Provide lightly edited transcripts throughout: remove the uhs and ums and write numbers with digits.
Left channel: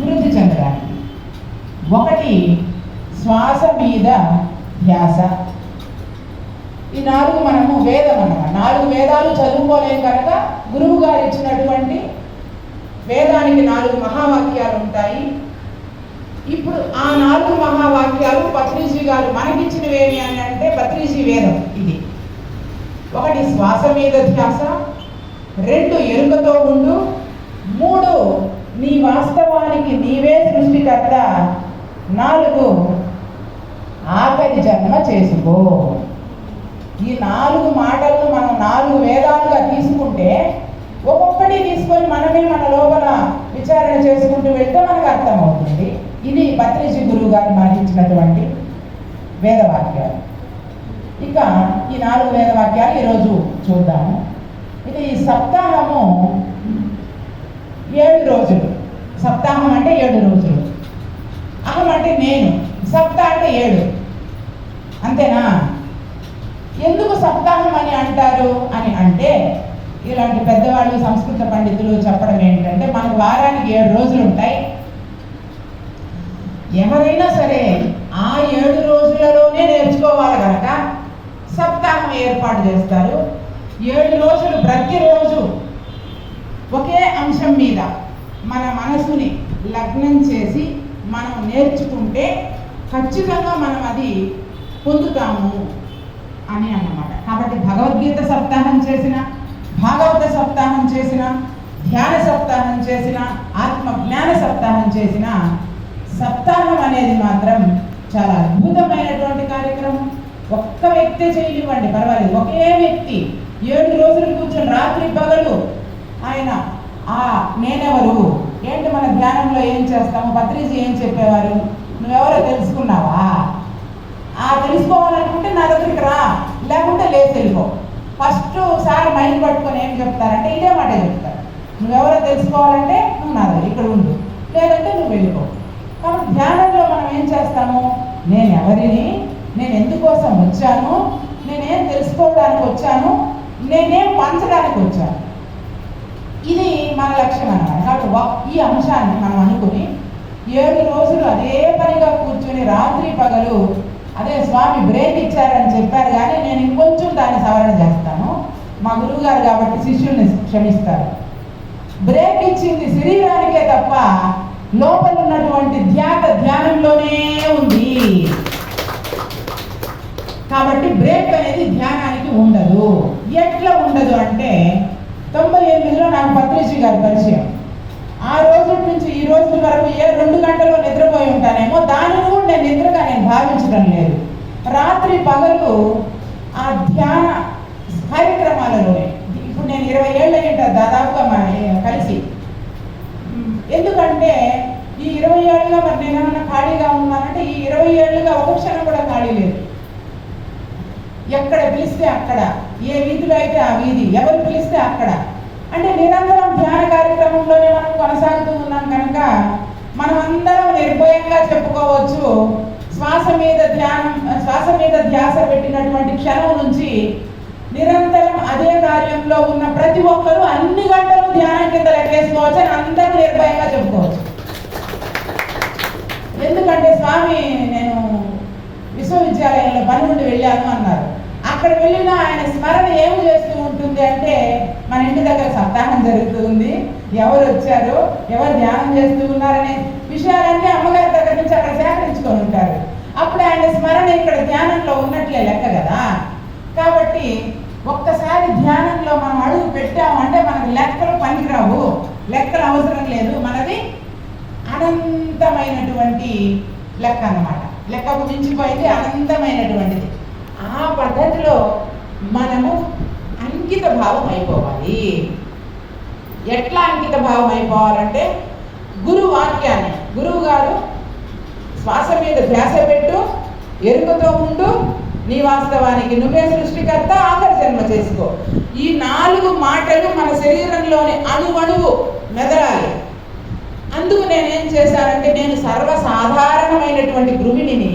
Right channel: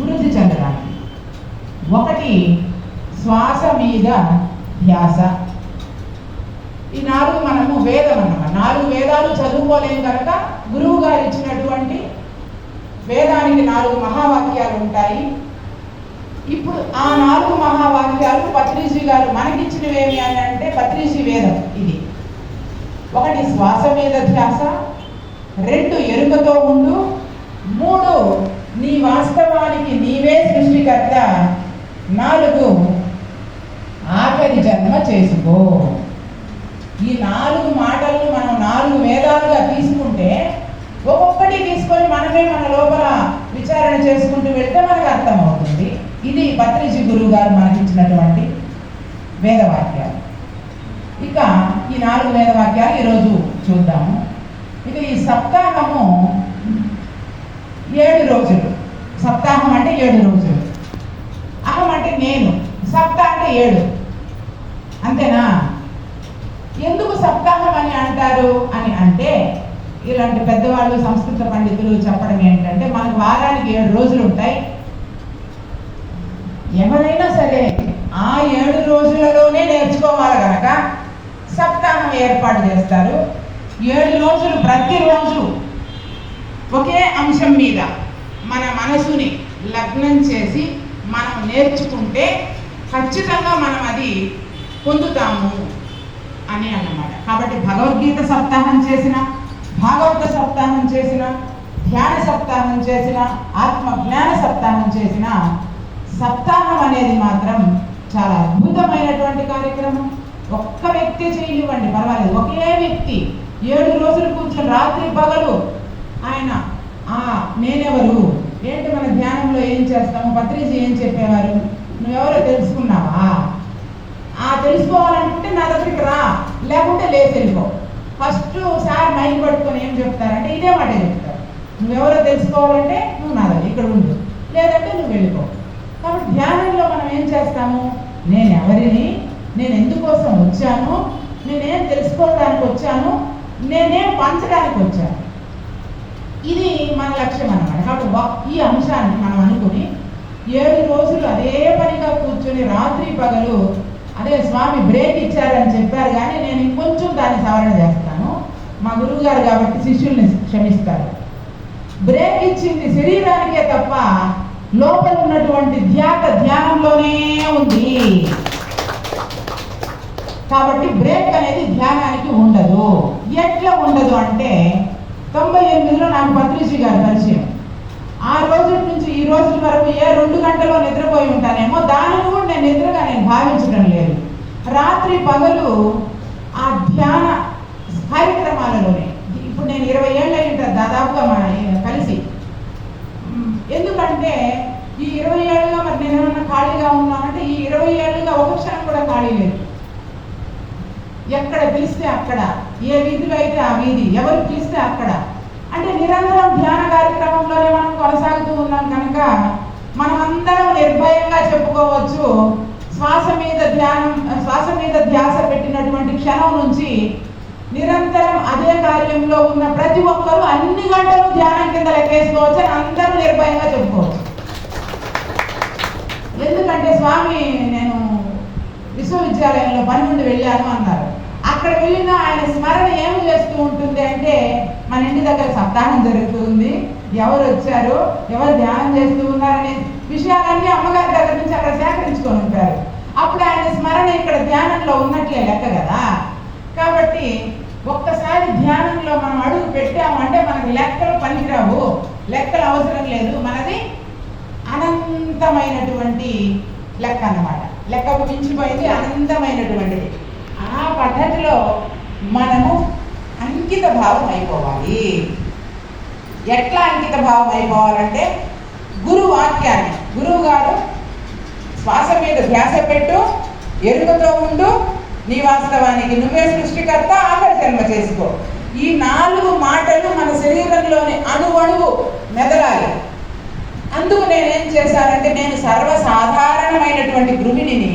వృద్ధి చెందడానికి. ఒకటి శ్వాస మీద ధ్యాస. ఈ 4 మనము వేదం అన్నమాట. 4 వేదాలు చదువుకోలేం కనుక గురువు గారు ఇచ్చినటువంటి వేదానికి 4 మహావాక్యాలు ఉంటాయి. ఇప్పుడు ఆ 4 మహావాక్యాలు పత్రిజీ గారు మనకిచ్చినవి ఏమి అని అంటే పత్రిజీ వేదం ఇది. ఒకటి శ్వాస మీద ధ్యాస, 2 ఎరుకతో ఉండు, 3 నీ వాస్తవానికి నీవే సృష్టికర్త, 4 ఆఖరి జన్మ చేసుకో. ఈ 4 మాటలను మనం 4 వేదాలుగా తీసుకుంటే ఒక్కొక్కటి తీసుకొని మనమే మన లోపల విచారణ చేసుకుంటూ వెళ్తే మనకు అర్థమవుతుంది. ఇది పత్రిజీ గురువు గారు మనకి ఇచ్చినటువంటి వేదవాక్యాలు. ఇక ఈ 4 వేదవాక్యాలు ఈరోజు చూద్దాము. ఇక ఈ సప్తాహము 7 రోజులు. సప్తాహం అంటే 7 రోజులు. అహం అంటే నేను, సప్త అంటే 7. అంతేనా? ఎందుకు సప్తాహం అని అంటారు అని అంటే ఇలాంటి పెద్దవాళ్ళు సంస్కృత పండితులు చెప్పడం ఏంటంటే మనకు వారానికి 7 రోజులు ఉంటాయి. ఎవరైనా సరే ఆ 7 రోజులలోనే నేర్చుకోవాలి కనుక సప్తాహం ఏర్పాటు చేస్తారు. 7 రోజులు ప్రతిరోజు ఒకే అంశం మీద మన మనసుని లగ్నం చేసి మనం నేర్చుకుంటే ఖచ్చితంగా మనం అది పొందుతాము అని అన్నమాట. కాబట్టి భగవద్గీత సప్తాహం చేసిన, భాగవత సప్తాహం చేసిన, ధ్యాన సప్తాహం చేసిన, ఆత్మ జ్ఞాన సప్తాహం చేసిన, సప్తాహం అనేది మాత్రం చాలా అద్భుతమైనటువంటి కార్యక్రమం. ఒక్క వ్యక్తి చేయనివ్వండి పర్వాలేదు, ఒకే వ్యక్తి 7 రోజులు కూర్చొని రాత్రి పగలు ఆయన నేనెవరు ఏంటి, మన ధ్యానంలో ఏం చేస్తాము, పత్రిజీ ఏం చెప్పేవారు, నువ్వెవరో తెలుసుకున్నావా, తెలుసుకోవాలనుకుంటే నా దగ్గరికి రా, లేకుంటే లేచి వెళ్ళిపో. ఫస్ట్ సార్ మైండ్ పట్టుకొని ఏం చెప్తారంటే ఇదే మాట చెప్తారు, నువ్వెవరో తెలుసుకోవాలంటే నువ్వు నా దగ్గర ఇక్కడ ఉండు, లేదంటే నువ్వు వెళ్ళిపో. కాబట్టి ధ్యానంలో మనం ఏం చేస్తాము, నేను ఎవరిని, నేను ఎందుకోసం వచ్చాను, నేనేం తెలుసుకోవడానికి వచ్చాను, నేనేం పంచడానికి వచ్చాను, ఇది మన లక్ష్యం అన్నమాట. కాబట్టి ఈ అంశాన్ని మనం అనుకుని 7 రోజులు అదే పనిగా కూర్చొని రాత్రి పగలు అదే స్వామి బ్రేక్ ఇచ్చారని చెప్పారు, కానీ నేను ఇంకొంచెం దాన్ని సవరణ చేస్తాను. మా గురువు గారు కాబట్టి శిష్యుల్ని క్షమిస్తారు. బ్రేక్ ఇచ్చింది శరీరానికే తప్ప లోపల ఉన్నటువంటి ధ్యానంలోనే ఉంది. కాబట్టి బ్రేక్ అనేది ధ్యానానికి ఉండదు. ఎట్లా ఉండదు అంటే 98లో నాకు పత్రిజీ గారు పరిచయం. ఆ రోజు నుంచి ఈ రోజు వరకు 2 గంటలో నిద్రపోయి ఉంటానేమో, దాన్ని కూడా నేను నిద్రగా భావించడం లేదు. రాత్రి పగలు ఆ ధ్యాన కార్యక్రమాలలోనే ఇప్పుడు నేను 20 ఏళ్ళు అయ్యింటారు దాదాపుగా కలిసి. ఎందుకంటే ఈ 20 ఏళ్ళుగా మరి నేను ఏమన్నా ఖాళీగా ఉన్నానంటే ఈ 20 ఏళ్ళుగా ఒక క్షణం కూడా ఖాళీ లేదు. ఎక్కడ పిలిస్తే అక్కడ, ఏ వీధిలో అయితే ఆ వీధి, ఎవరు పిలిస్తే అక్కడ, అంటే నిరంతరం ధ్యాన కార్యక్రమంలోనే మనం కొనసాగుతూ ఉన్నాం కనుక మనం అందరం నిర్భయంగా చెప్పుకోవచ్చు, శ్వాస మీద ధ్యాస పెట్టినటువంటి క్షణం నుంచి నిరంతరం అదే కార్యంలో ఉన్న ప్రతి ఒక్కరూ అన్ని గంటలు ధ్యానం కింద లెక్కేసుకోవచ్చు అని అందరూ నిర్భయంగా చెప్పుకోవచ్చు. ఎందుకంటే స్వామి నేను విశ్వవిద్యాలయంలో పని నుండి వెళ్ళాను అన్నారు. అక్కడ వెళ్ళినా ఆయన స్మరణ ఏమి చేస్తూ ఉంటుంది అంటే మన ఇంటి దగ్గర సప్తాహం జరుగుతుంది, ఎవరు వచ్చారు, ఎవరు ధ్యానం చేస్తూ ఉన్నారనే విషయాలన్నీ అమ్మగారి దగ్గర నుంచి అక్కడ సేకరించుకొని ఉంటారు. అప్పుడు ఆయన స్మరణ ఇక్కడ ధ్యానంలో ఉన్నట్లే లెక్క కదా. కాబట్టి ఒక్కసారి ధ్యానంలో మనం అడుగు పెట్టాము అంటే మనకి లెక్కలు పనికిరావు, లెక్కలు అవసరం లేదు, మనది అనంతమైనటువంటి లెక్క అన్నమాట. లెక్కకు మించిపోయింది అనంతమైనటువంటిది. ఆ పద్ధతిలో మనము అంకిత భావం అయిపోవాలి. ఎట్లా అంకిత భావం అయిపోవాలంటే గురువు వాక్యాన్ని, గురువు గారు శ్వాస మీద ధ్యాస పెట్టు, ఎరుకతో ఉండు, నీ వాస్తవానికి నువ్వే సృష్టికర్త, ఆఖరి జన్మ చేసుకో. ఈ 4 మాటలు మన శరీరంలోని అణువణువు మెదలాలి. అందుకు నేనేం చేశానంటే నేను సర్వసాధారణమైనటువంటి గృహిణిని.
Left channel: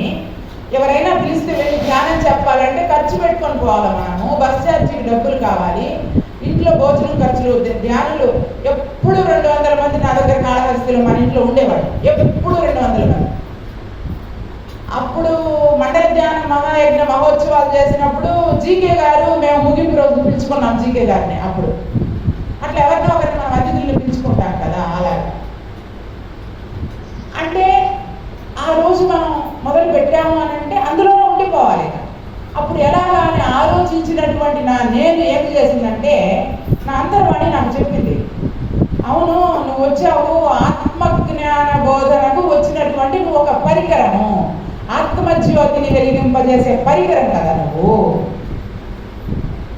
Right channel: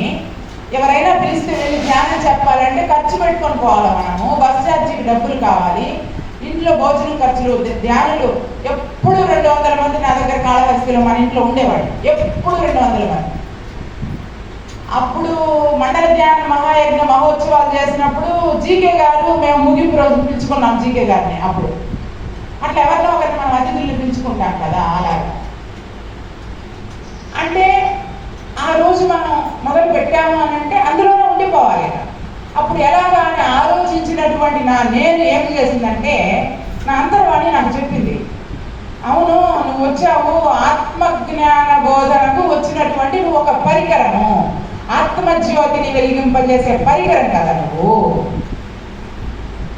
ఎవరైనా పిలిస్తే వెళ్ళి ధ్యానం చెప్పాలంటే ఖర్చు పెట్టుకొని పోవాలి, మనము బస్ ఛార్జీకి డబ్బులు కావాలి, ఇంట్లో భోజనం ఖర్చులు, ధ్యానులు ఎప్పుడు 200 మంది నా దగ్గర కాళహస్తిలో మన ఇంట్లో ఉండేవాడు, ఎప్పుడు 200 మంది. అప్పుడు మండల ధ్యాన మహాయజ్ఞ మహోత్సవాలు చేసినప్పుడు జీకే గారు, మేము ముగింపు రోజు పిలుచుకున్నాం జీకే గారిని. అప్పుడు అట్లా ఎవరినో ఒకరిని మనం అతిథుల్ని పిలుచుకుంటాం కదా, అలాగే. అంటే ఆ రోజు మనం మొదలు పెట్టాము అని అంటే అందులోనే ఉండిపోవాలి. అప్పుడు ఎలాగా అని ఆలోచించినటువంటి నేను ఏం చేసిందంటే, నా అంతర్వాణి నాకు చెప్పింది, అవును నువ్వు వచ్చావు ఆత్మజ్ఞాన బోధనకు వచ్చినటువంటి నువ్వు ఒక పరికరము, ఆత్మజ్యోతిని వెలిగింపజేసే పరికరం కదా నువ్వు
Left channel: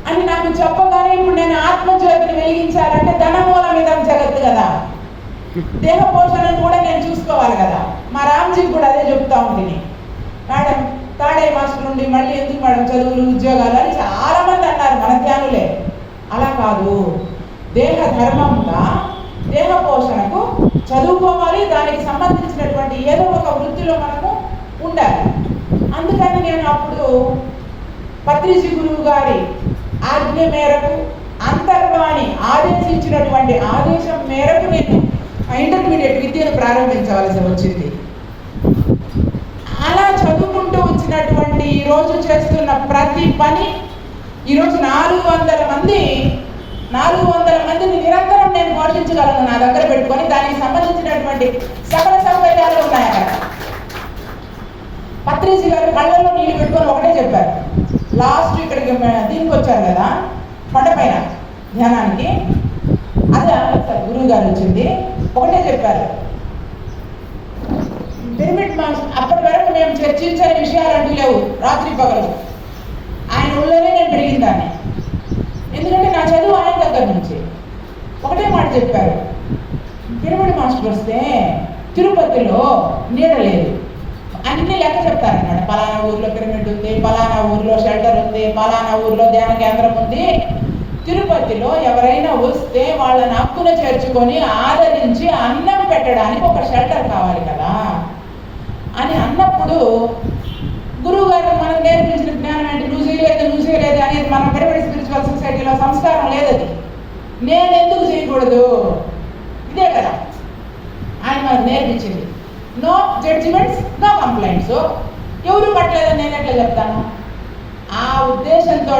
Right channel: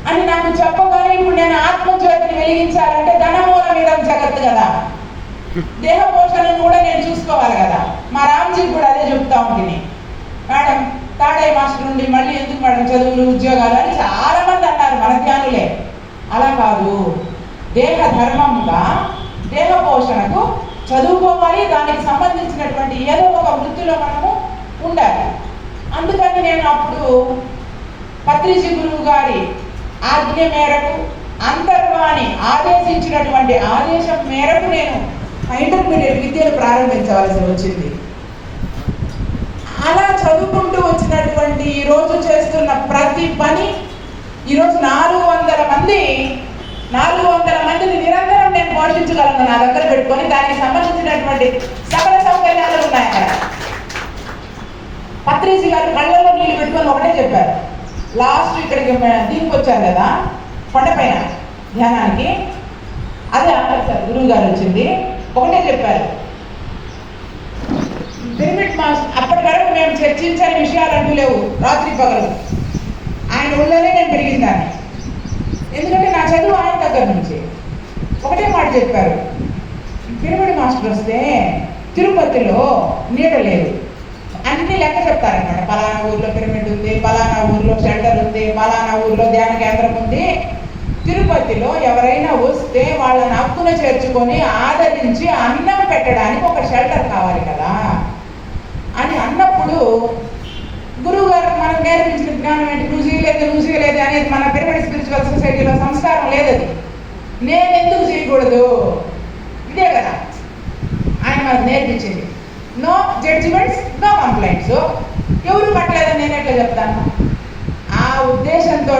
అని నాకు చెప్పగానే, ఇప్పుడు నేను ఆత్మజ్యోతిని వెలిగించాలంటే ధనమూలం మీద జగత్తు కదా, దేహ పోషణను కూడా నేను చూసుకోవాలి కదా. మా రామ్జీకి కూడా అదే చెప్తా ఉంటుంది, మేడం తాడయ్య మాస్టర్ నుండి మళ్ళీ ఎందుకు మేడం చదువులు ఉద్యోగాలు అని చాలా మంది అన్నారు మన ధ్యానులే. అలా కాదు, దేహ ధర్మంగా దేహ పోషణకు చదువుకోవాలి, దానికి సంబంధించినటువంటి ఏదో ఒక వృత్తిలో మనము ఉండాలి. అందుకని నేను అప్పుడు పత్రిజీ గురువు గారి ఆజ్ఞ మేరకు, అంతర్వాణి ఆదేశించినటువంటి ఆదేశం మేరకు నేను ఇంటర్మీడియట్ విద్యను ప్రారంభించవలసి వచ్చింది. అలా చదువుకుంటూ వచ్చినటువంటి ఈరోజు చేస్తున్న ప్రతి పని, ఈరోజు 400 మందిని నిరంతరం నేను పోషించగలను నా దగ్గర పెట్టుకొని. దానికి సంబంధించినటువంటి సకల సౌకర్యాలు ఉన్నాయి అక్కడ. పత్రిజీ గారు కళ్ళల్లో నీళ్లు పెట్టుకొని ఒకటే చెప్పారు, లాస్ట్ ఇక్కడికి దీనికి వచ్చారు కదా కొండపైన ధ్యానానికి, అదే సార్ గురువు గారు వచ్చింది, ఒకటే చెప్పారు, పిరమిడ్ మాస్టర్ అప్పటి వరకు మేము చర్చించని విషయాలు అంటూ లేవు, రాత్రి పగలు ఆయన ఊళ్ళోనే నేను పెరిగిందాన్ని. ఎందుకంటే నా చదువు ఆయన దగ్గర నుంచి. ఒకటే మాట చెప్పారు, పిరమిడ్ మాస్టర్ వస్తే తిరుపతిలో నీడ లేదు, అన్ని లెక్క చెప్తారనమాట. పలానా ఊర్లో పిరమిడ్ ఉంది, పలానా ఊర్లో షెల్టర్ ఉంది, పలానా ఊర్లో ధ్యాన కేంద్రం ఉంది. తిరుపతిలో ఎవరైనా వస్తే వాళ్ళని హక్కున చేర్చుకొని ఆదరించి అన్నం పెట్టడానికి ఒక షెల్టర్ కావాలి కదా అని అన్నప్పుడు, గురువు గారు మనకు నేర్పించిన జ్ఞానం ఏంటి, నువ్వు చేయలేదు అనేది మన పిరమిడ్ స్పిరిచువల్ సొసైటీలో సంస్కారం లేదు. అది నేను ఎందుకు చేయకూడదు, ఇదే కదా ఆయన మనకు నేర్పించింది. No judgements, no complaints. ఎవరు కట్టలేదని నేను ఎట్లా చెప్తాను? ఆ ఉద్దేశంతో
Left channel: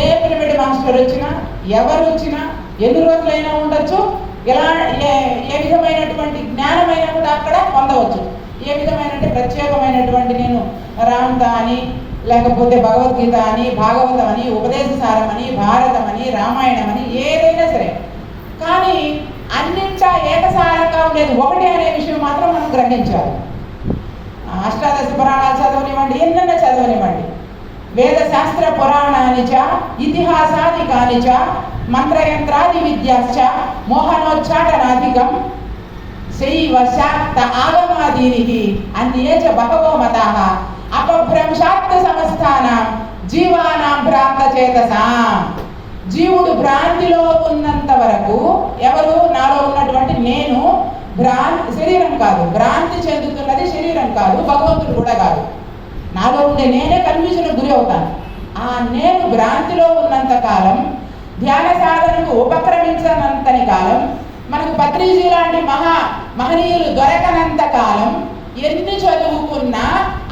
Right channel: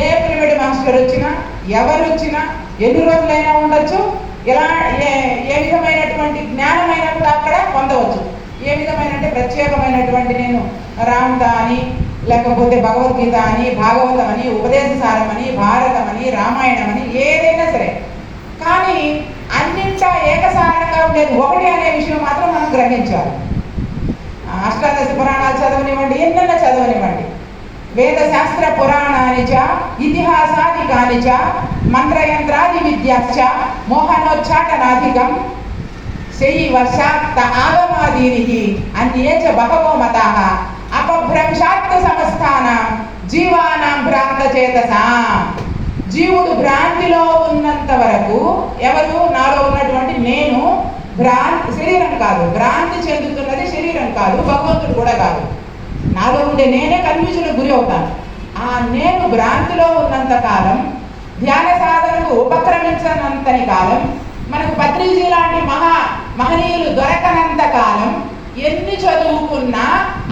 ఏ పిరమిడ్ మాస్టర్ వచ్చినా, ఎవరు వచ్చినా, ఎన్ని రోజులైనా ఉండొచ్చు, ఎలా ఏ విధమైనటువంటి జ్ఞానమైనా కూడా అక్కడ పొందవచ్చు. ఏ విధమైన ప్రత్యేకమైనటువంటి నేను రామత అని, లేకపోతే భగవద్గీత అని, భాగవతం అని, ఉపదేశసారం అని, భారతం అని, రామాయణం అని, ఏదైనా సరే, కానీ అన్నింటా ఏకసారంగా ఉండేది ఒకటి అనే విషయం మాత్రం మనం గ్రహించాలి. అష్టాదశ పురాణాలు చదవనివ్వండి, ఎన్నెన్న చదవనివ్వండి, వేద శాస్త్ర పురాణాని చ ఇతిహాసాది కాని చ మంత్రయంత్రాది విద్యాశ్చ మోహనోచ్చాటనాధికం శైవ శాక్త ఆగమాదీనికి అన్యే చ బహవో మతాః అపభ్రంశాత్ సమస్తానాం జీవానాం భ్రాంత చేతసాం. జీవుడు భ్రాంతిలో ఉన్నంత వరకు, ఎవరు నాలో ఉన్నటువంటి నేను శరీరం కాదు, భ్రాంతి చెందుతున్నది శరీరం కాదు, భగవంతుడు కూడా కాదు. నాలో ఉండే నేనే కన్ఫ్యూజన్కు గురి అవుతాను. ఆ నేను భ్రాంతిలో ఉన్నంత కాలం, ధ్యాన సాధనకు ఉపక్రమించనంతని కాలం, మనకు పత్రిజీ లాంటి మహనీయులు దొరకనంత కాలం, ఎన్ని చదువుకున్నా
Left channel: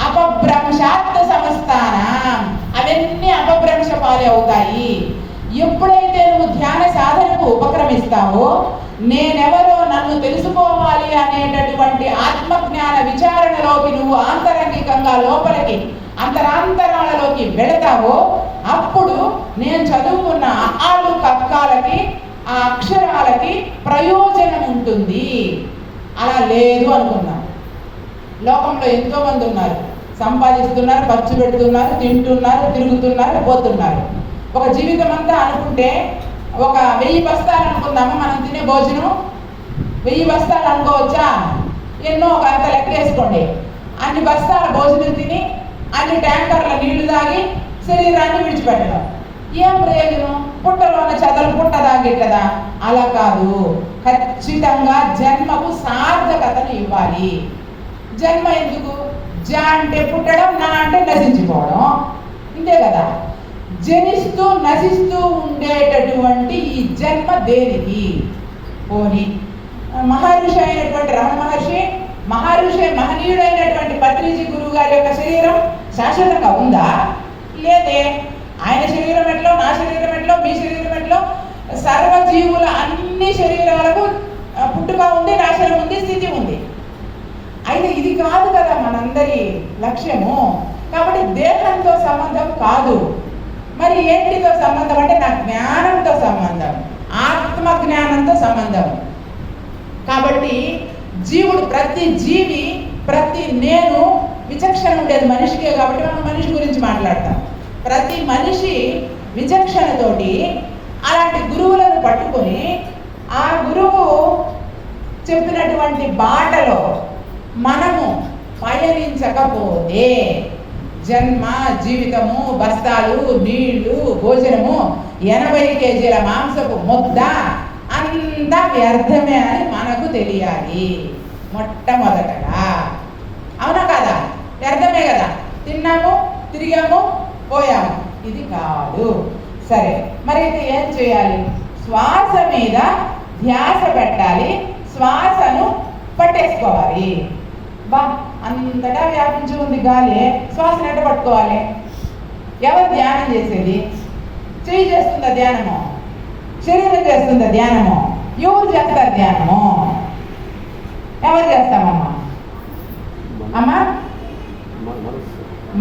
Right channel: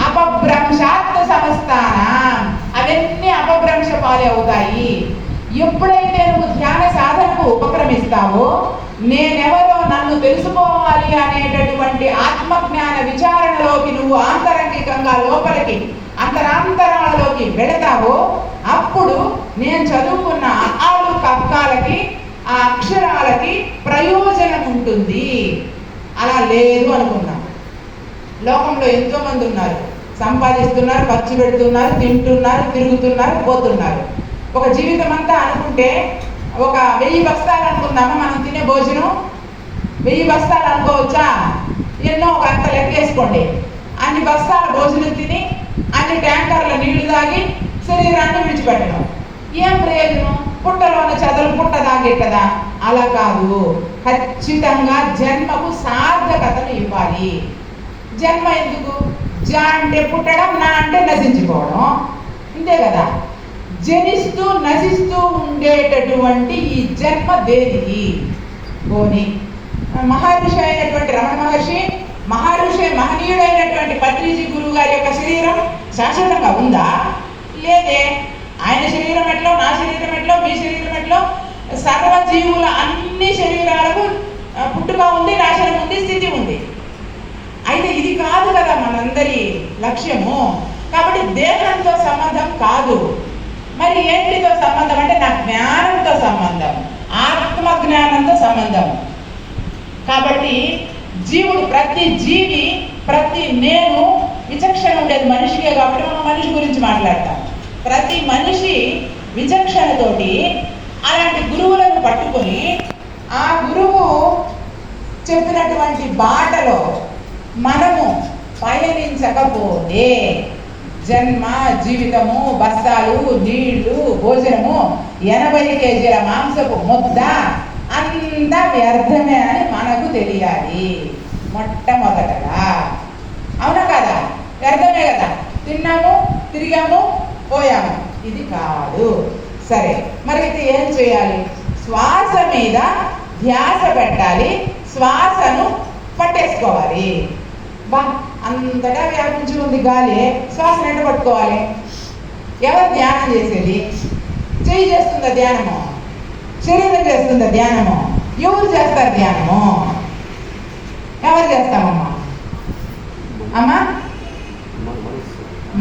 అపభ్రంశాత్ సమస్తానం, అవన్నీ అపభ్రంశ పాలే అవుతాయి. ఎప్పుడైతే నువ్వు ధ్యాన సాధనకు ఉపక్రమిస్తావో, నేనెవరో నన్ను తెలుసుకోవాలి అనేటటువంటి ఆత్మజ్ఞాన విచారణలోకి నువ్వు ఆంతరంగికంగా లోపలికి అంతరాంతరాలలోకి వెళతావో, అప్పుడు నేను చదువుకున్న ఆలు కక్కాలకి, ఆ అక్షరాలకి ప్రయోజనం ఉంటుంది. అలా లేదు అనుకున్నాం. లోకంలో ఎంతో మంది ఉన్నారు, సంపాదిస్తున్నారు, ఖర్చు పెడుతున్నారు, తింటున్నారు, తిరుగుతున్నారు, పోతున్నారు. ఒక జీవితం అంతా అనుకుంటే, ఒక 1000 బస్తాలు అనుకుందామా మనం తినే భోజనం, 1000 బస్తాలు అనుకోవచ్చా? ఎన్నో ఒక అంత లెక్కేసుకోండి. అన్ని బస్తాల భోజనం తిని, అన్ని ట్యాంకర్ల నీళ్లు తాగి శరీరాన్ని విడిచిపెట్టడం ఏం ప్రయోజనం? పుట్టలో ఉన్న చెదలు పుట్ట తాగేట్టదా? అలా కాదు. ఖచ్చితంగా జన్మకు సార్థకతను ఇవ్వాలి. జన్మ ఎందుకు? జ అంటే పుట్టడం, నా అంటే నశించిపోవడం, ఇంతే కదా. జనిస్తూ నశిస్తూ ఉండేటటువంటి ఈ జన్మ దేనికి? పోని మహర్షి అయినటువంటి రమణ మహర్షి మహనీయుడైనటువంటి పత్రిజీ గురువు గారి యొక్క శరీరం శాశ్వతంగా ఉందా? లేదే. ఆయన శరీరం ఎట్లో, నా శరీరం ఎట్లో, మీ శరీరం ఎట్లో, సర్వజీవుల అన్ని శరీరాలకు పుట్టుక ఉంది, నాశనం ఉంది, స్థితి ఉంది. అయితే ఇది కాదు కదా మనందరి లక్ష్యము. కాబట్టి దేహంతో సంబంధం కాదు. మరి ఏంటితో సంబంధం అంటే నా జ్ఞానంతో సంబంధం, ఆత్మజ్ఞానంతో సంబంధం. కాబట్టి జీవుడు, ప్రతి జీవి, ప్రతి నేను విచక్షణ ఉండేది మనిషికే. కాబట్టి మనం మనిషి గురించి మాట్లాడతాం. ప్రతి మనిషి విచక్షణతోటి అలాంటి గురువులను పట్టుకొని ఆ గురువు చెప్పినటువంటి బాటలో మనము పయనించకపోతే జన్మ, జీవితము, బస్తాలు, నీళ్లు, భోజనము, 80 కేజీల మాంసపు ముద్ద అంతా వ్యర్థమే అని మనకు తెలియాలి మొట్టమొదటగా. అవునా కదా? వ్యర్థమే కదా. తిన్నాము, తిరిగాము, పోయాము. ఇది కాదు. సరే, మరి అయితే ఏం చేయాలి? శ్వాస మీద ధ్యాస పెట్టాలి, శ్వాసను పట్టేసుకోవాలి. బా, అంతటా వ్యాపించి ఉంది గాలి, శ్వాసను ఎంత పట్టుకోవాలి? ఎవరు ధ్యానం చేసేది? చెయ్యి చేస్తుందా ధ్యానము? శరీరం చేస్తుందా ధ్యానము? ఎవరు చేస్తారు ధ్యానము? ఎవరు చేస్తామమ్మా? అమ్మా,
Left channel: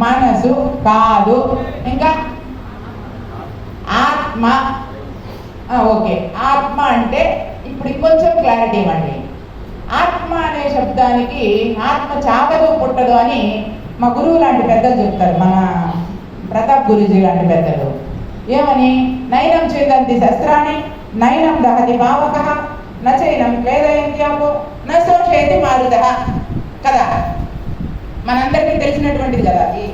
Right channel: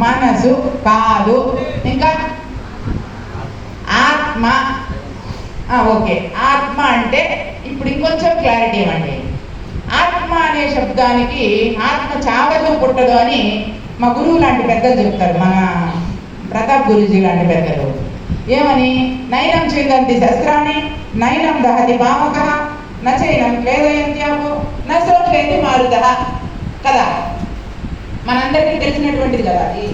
మనసు కాదు. ఇంకా ఆత్మ. ఓకే, ఆత్మ అంటే ఇప్పుడు ఇంకొంచెం క్లారిటీ ఇవ్వండి. ఆత్మ అనే శబ్దానికి ఆత్మ చావదు, పుట్టదు అని మా గురువు లాంటి పెద్దలు చెప్తారు. మన ప్రతాప్ గురుజీ లాంటి పెద్దలు ఏమని? నైనం చేదంతి శస్త్రాన్ని నైనం దహతి పావక నచైనం క్లేదయంత్యాపో నశోషేతి మారుత కదా. మనందరికీ తెలిసినటువంటిది కదా అది.